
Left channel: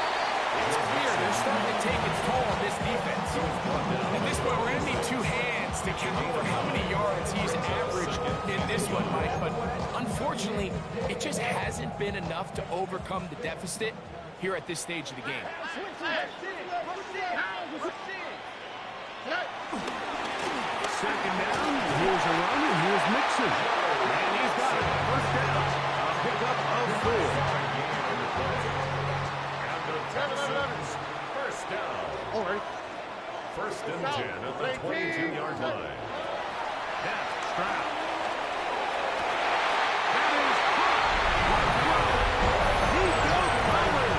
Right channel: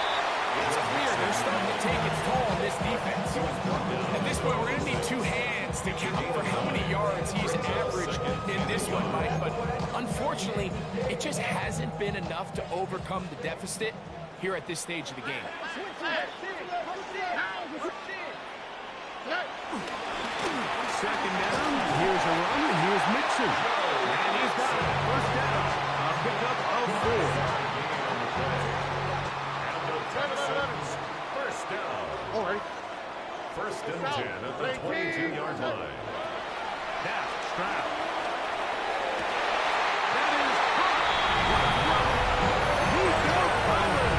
it's clear they're starting to take its toll on this defense. At this point, we're going to need 2 hands to count for how many yards he's averaged in this one, Mike. But unfortunately, it just hasn't been enough to overcome the deficit here at this stage of the game. Second down, here's a run, and here's Mixon. And he's got it. First down. A pickup of 4. Texans, first down. All right. 1st and 10 at the 22-yard line. Now, Stroud. That is caught. What a throw. He goes forward.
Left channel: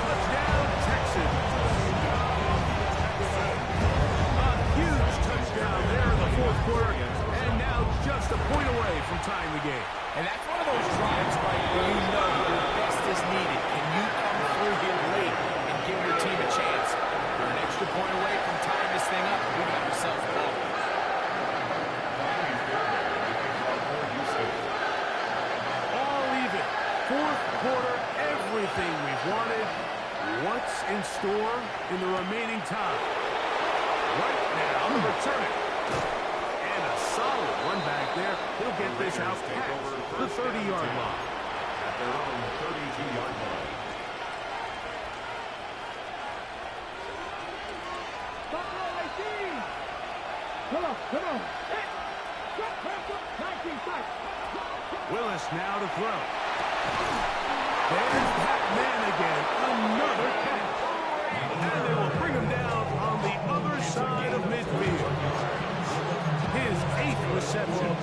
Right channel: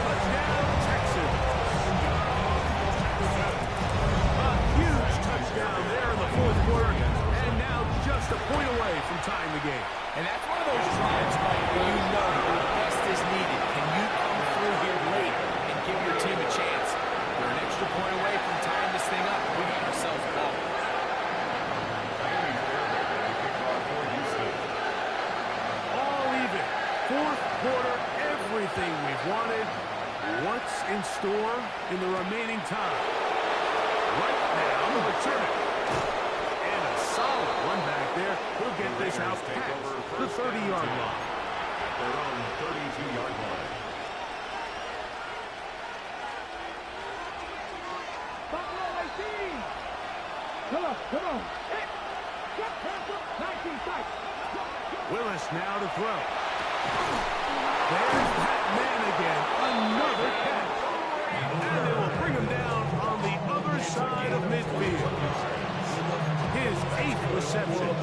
Touchdown, Texans. A huge touchdown there in the 4th quarter, and now just a point away from tying the game. And that's one of those drives, Mike, where you know your best is needed. Can you come through here late and give your team a chance? We're an extra point away from tying this thing up. We got ourselves a ball. Miami Fairbairn in the kickoff for Houston. All even. 4th quarter, everything we've wanted. What's in store in the remaining time? Right now, the returner. And a solid run back there. He'll get this out past the 30-yard line. At their own 32-yard line. Buffalo 18. Come on. 19 sight. Willis now to throw. There's that man again. Another catch. And they will bring him down on the other side of midfield. His 8th reception of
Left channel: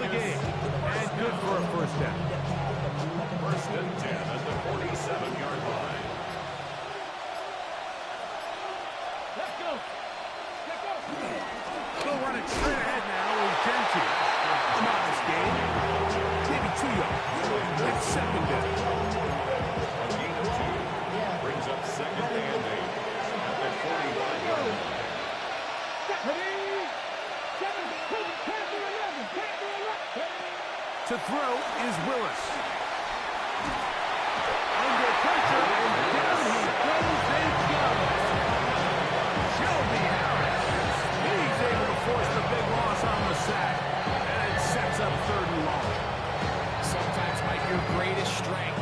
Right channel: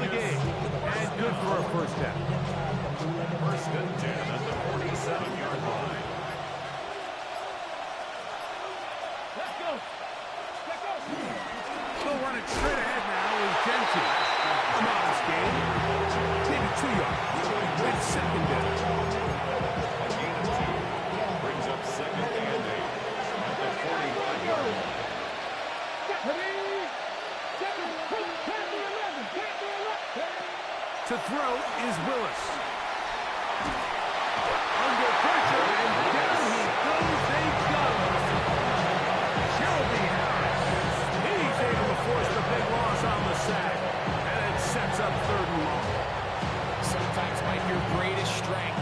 the game. And good for a first down. 1st and 10 at the 47-yard line. Let's go. Still running straight ahead now with Genty. A modest game. Maybe 2 yards. It's second down. A gain of 2 brings up 2nd and 8 at the 45-yard line. To throw is Willis. Under pressure, and down he goes. They go. Shelby Harris. He's able to force the big loss on the sack. And it sets up 3rd and long. Sometimes, Mike, your greatest strength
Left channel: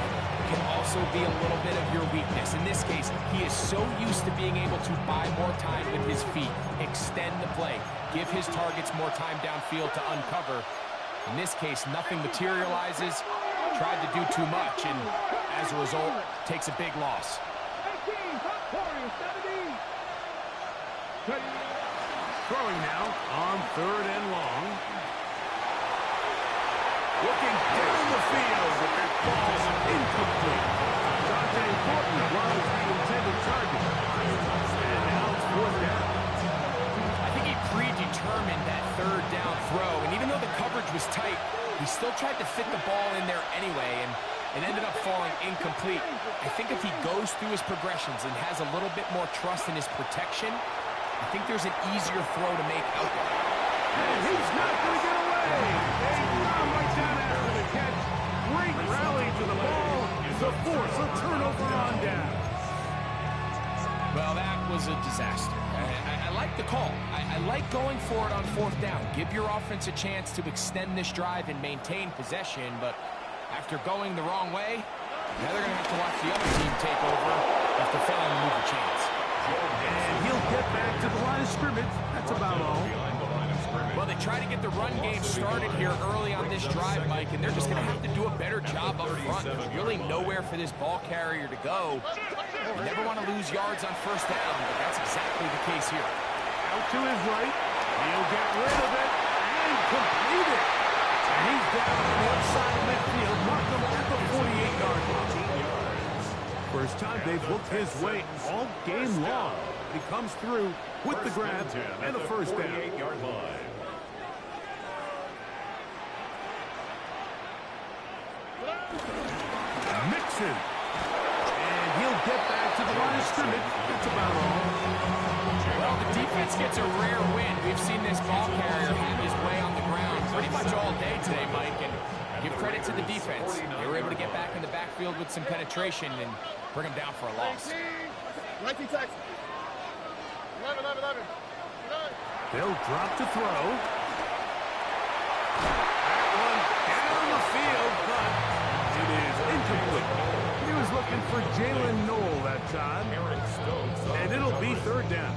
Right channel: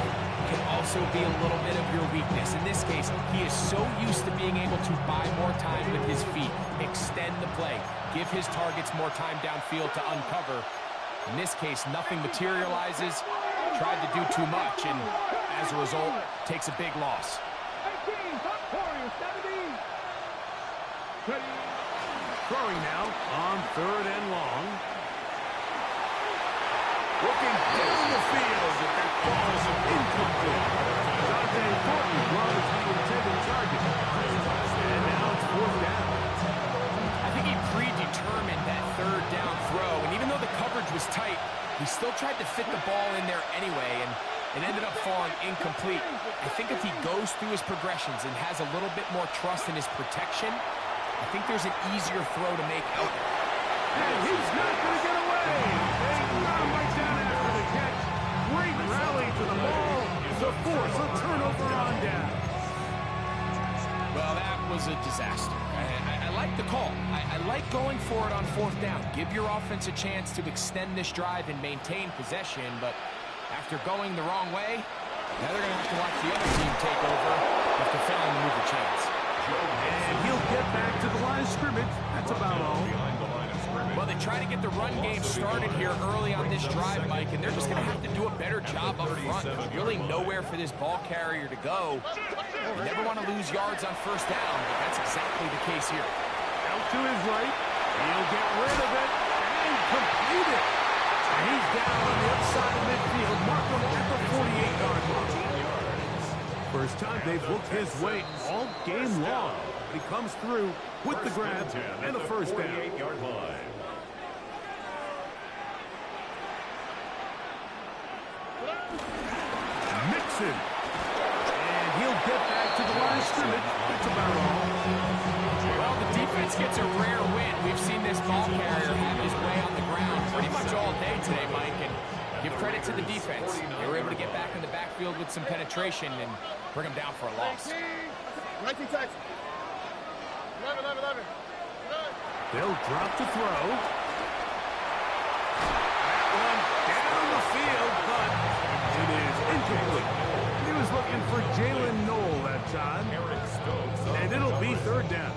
can also be a little bit of your weakness. In this case, he is so used to being able to buy more time with his feet, extend the play, give his targets more time downfield to uncover. In this case, nothing materializes, tried to do too much, and as a result, takes a big loss. 18, top 40, 70. Throwing now on 3rd and long. Looking down the field, but that ball is incomplete. Dante Thornton was the intended target. And now it's 4th down. I think he predetermined that 3rd down throw, and even though the coverage was tight, he still tried to fit the ball in there anyway, and it ended up falling incomplete. I think if he goes through his progressions and has a little bit more trust in his protection, I think there's an easier throw to make out there. And he's not going to get away. They knock him right down after the catch. Great rally to the ball to force a turnover on down. Well, that was a disaster. I like the call. I like going for it on 4th down. Give your offense a chance to extend this drive and maintain possession, but after going the wrong way, now they're going to have to watch the other team take over after failing to move the chains. And he'll get back to the line of scrimmage. That's about all. Well, they try to get the run game started here early on this drive, Mike, and they're just going to have to do a better job up front. There's really nowhere for this ball carrier to go. You never want to lose yards on 1st down, but that's exactly the case here. Out to his right. He'll get rid of it and complete it. And he's down on the outside of midfield. Mark him at the 48-yard line. First time they've looked his way all game long. But he comes through with the grab and a 1st down. 48-yard line. Mixon. And he'll get back to the line of scrimmage. That's about all. Well, the defense gets a rare win. We've seen this ball carrier have his way on the ground pretty much all day today, Mike, and give credit to the defense. They were able to get back in the backfield with some penetration and bring him down for a loss. 19 Texas. 11. They'll drop to throw. That one down the field, but it is incomplete. He was looking for Jalen Knoll that time. And it'll be 3rd down.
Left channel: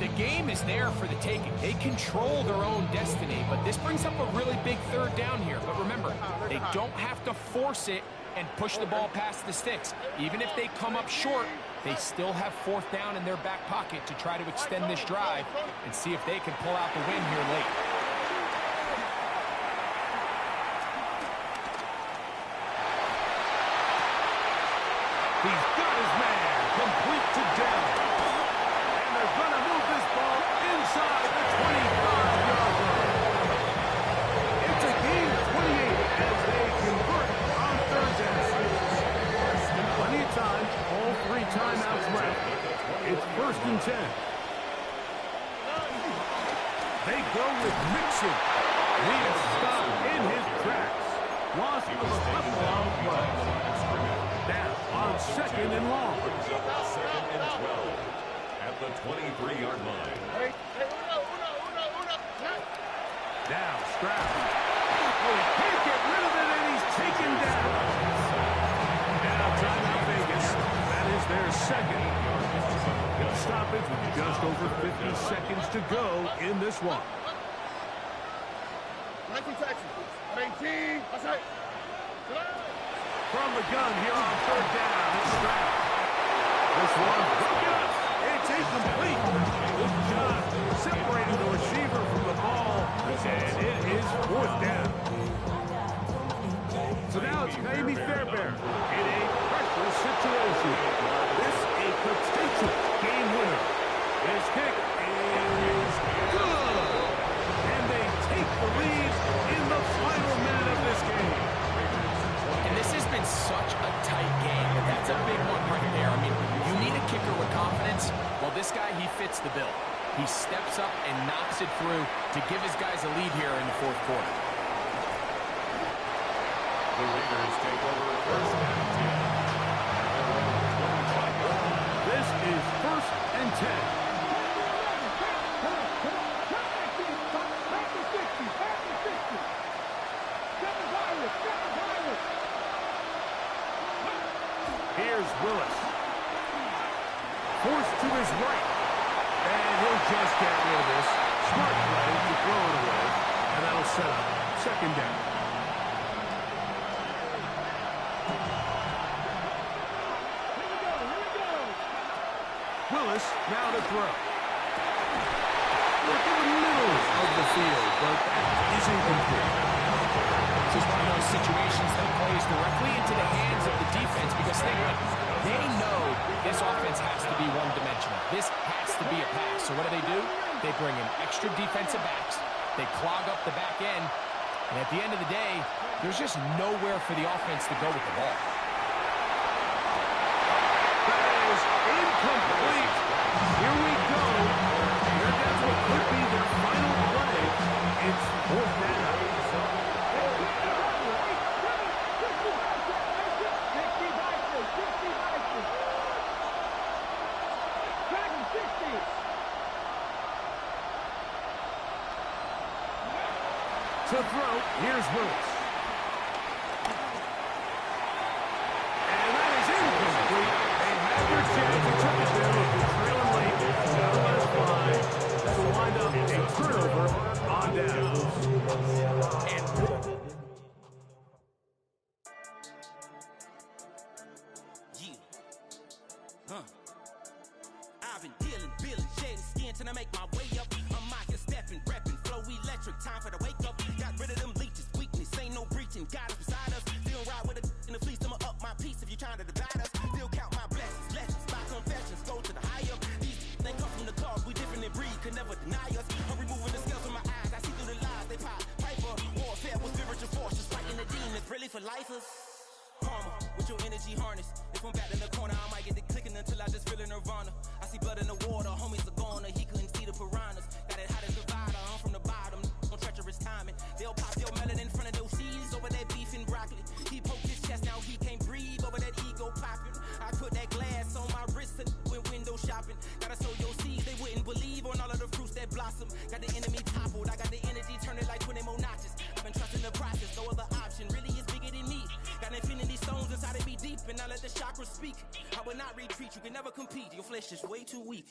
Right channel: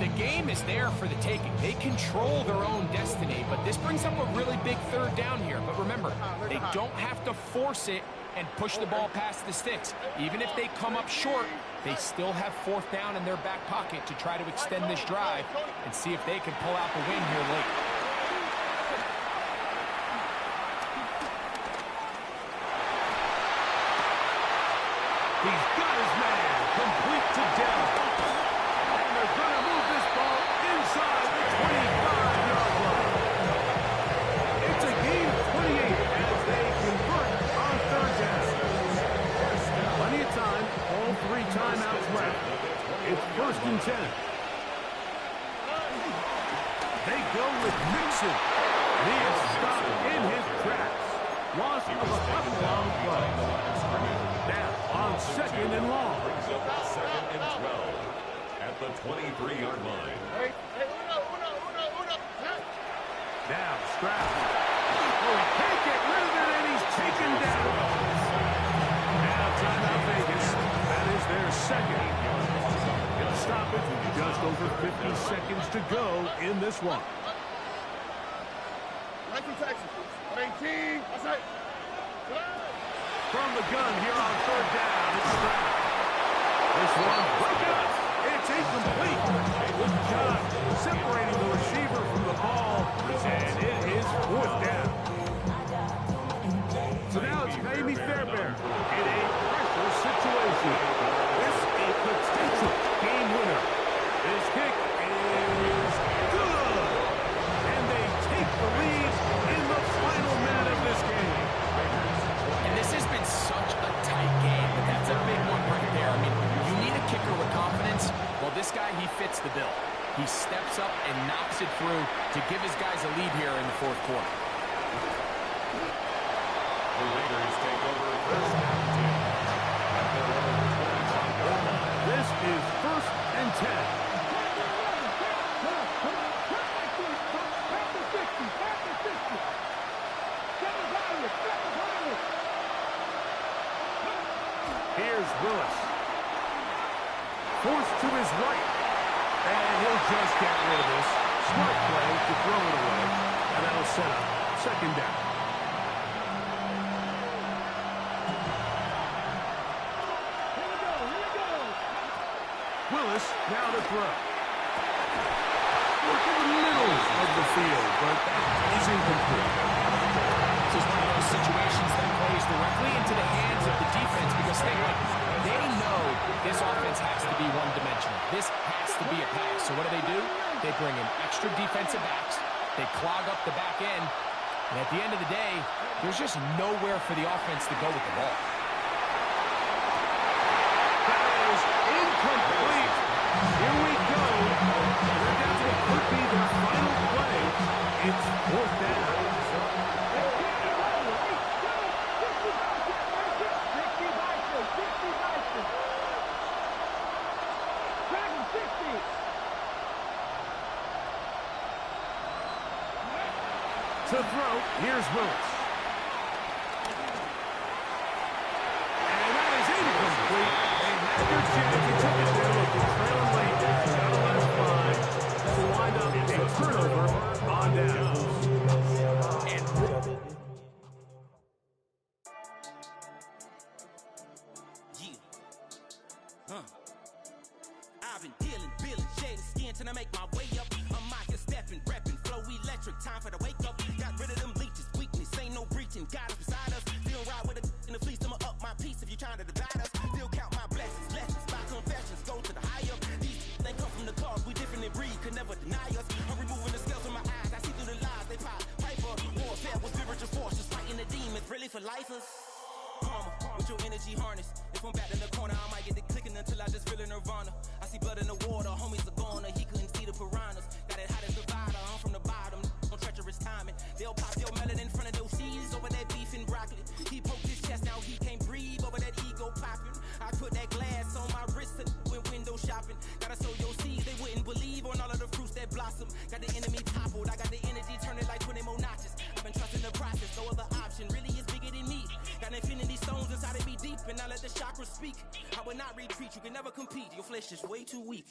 The game is there for the taking. They control their own destiny, but this brings up a really big 3rd down here. But remember, they don't have to force it and push the ball past the sticks. Even if they come up short, they still have 4th down in their back pocket to try to extend this drive and see if they can pull out the win here late. He's got his man complete to Dell. And they're going to move this ball inside the 25-yard line. It's a gain of 28 as they convert on 3rd down. Plenty of time, all 3 timeouts left. It's 1st and 10. They go with Mixon. And he is stopped in his tracks. Loss of a couple on the play. Now on 2nd and long. Brings up 2nd and 12 at the 23-yard line. Now Stroud. Oh, he can't get rid of it, and he's taken taken down. Now timeout Vegas. That is their second. Gonna stop it with just over 50 seconds to go in this one. Right from Texas. 18. That's right. From the gun here on third down, it's Stroud. This one broken up. It's incomplete. Good job separating the receiver from the ball, and it is fourth down. So now it's Naomi Fairbairn in a pressure situation. This a potential game winner. His kick is good, and they take the lead in the final minute of this game. And this has been such a tight game, but that's a big one right there. I mean, you need a kicker with confidence. Well, this guy, he fits the bill. He steps up and knocks it through to give his guys a lead here in the fourth quarter. The Raiders take over first and 10 at their own 25-yard line. This is first and 10. Here's Willis. Forced to his right. And he'll just get rid of this. Smart play to throw it away. And that'll set up second down. Here we go. Willis now to throw. Look in the middle of the field, but that is incomplete. This is one of those situations that plays directly into the hands of the defense because they know this offense has to be one-dimensional. This has to be a pass. So what do? They bring in extra defensive backs. They clog up the back end. And at the end of the day, there's just nowhere for the offense to go with the ball. That is incomplete. Here we go. They're down to what could be their final play. It's fourth down. To throw, here's Willis. And that is incomplete. They had their chance. They took it there. Look, they're trailing late. Gotta let it fly. This will wind up a turnover on downs. I've been dealing, shedding skin till I make my way up. I'm out here stepping, repping, flow electric, time for the wake up. Got rid of them leeches, weakness, ain't no breaching. Got us beside us, still ride with a in the fleece. I'ma up my piece if you trying to divide us. Still count my blessings, lessons, my confessions, go to the high up. These they come from the cause, we different in breed, could never deny us. I'm removing the scales from my eyes, I see through the lies they pop. Piper, warfare with spiritual forces, fighting the demons, really for lifers. Karma, with your energy harness. If I'm back in the corner, I might get the clicking until I just feel a nirvana. I see blood in the water, homies are gone, he couldn't see the piranhas. Got it hot as Nevada, I'm from the bottom, on treacherous timing. They'll pop your melon in front of those seeds over that beef and broccoli. He poked his chest, now he can't breathe over that ego popping. I put that glass on my wrist and went window shopping. Gotta sow your seeds, they wouldn't believe on all of the fruits that blossom. Got the enemy toppled, I got the energy turning like 20 more notches. I've been trusting the process, no other option really is bigger than me. Got infinity stones inside of me deep, and I let the chakras speak. I will not retreat, you can never compete, your flesh is way too weak.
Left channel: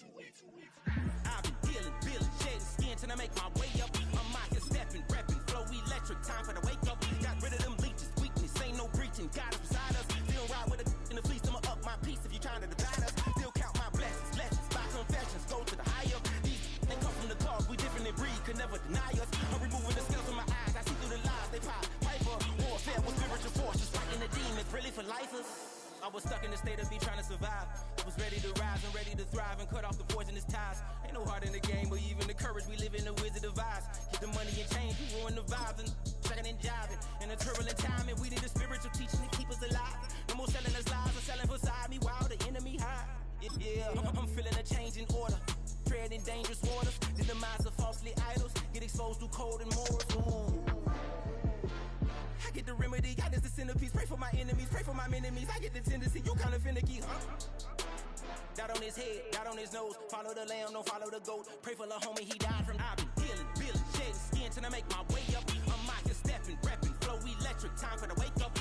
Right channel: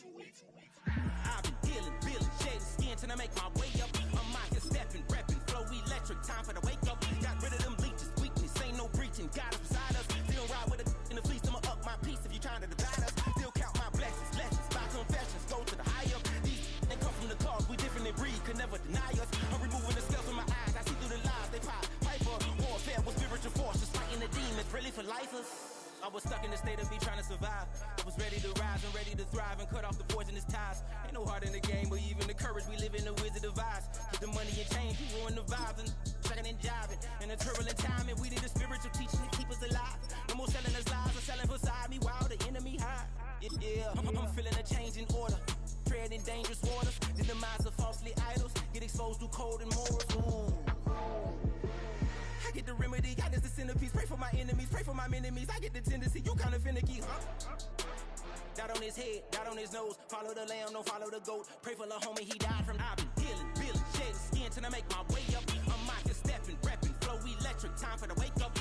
I've been dealing, shedding skin till I make my way up. I'm out here stepping, repping, flow electric, time for the wake up. Got rid of them leeches, weakness, ain't no breaching. Got us beside us, still ride with a in the fleece. I'ma up my piece if you trying to divide us. Still count my blessings, lessons, my confessions, go to the high up. These they come from the cause, we different in breed, could never deny us. I'm removing the scales from my eyes, I see through the lies they pop. Piper, warfare with spiritual forces, fighting the demons, really for lifers. I was stuck in the state of me trying to survive. I was ready to rise and ready to thrive and cut off the poisonous ties. Ain't no heart in the game, but even the courage we live in the wizard of eyes. Keep the money and change, we ruin the vibes and checking and jiving. In a turbulent time, and we need a spiritual teaching to keep us alive. No more selling us lies or selling beside me while the enemy hide. Yeah, I'm feeling a change in order. Treading dangerous waters, the demise of falsely idols. Get exposed through code and morals. Ooh. I get the remedy, God is the centerpiece. Pray for my enemies, pray for my enemies. I get the tendency, you kinda finicky, huh? Dot on his head, dot on his nose. Follow the lamb, don't follow the goat. Pray for the homie, he died from. I've been dealing, shedding skin till I make my way up. I'm out here stepping, repping, flow electric, time for the wake up.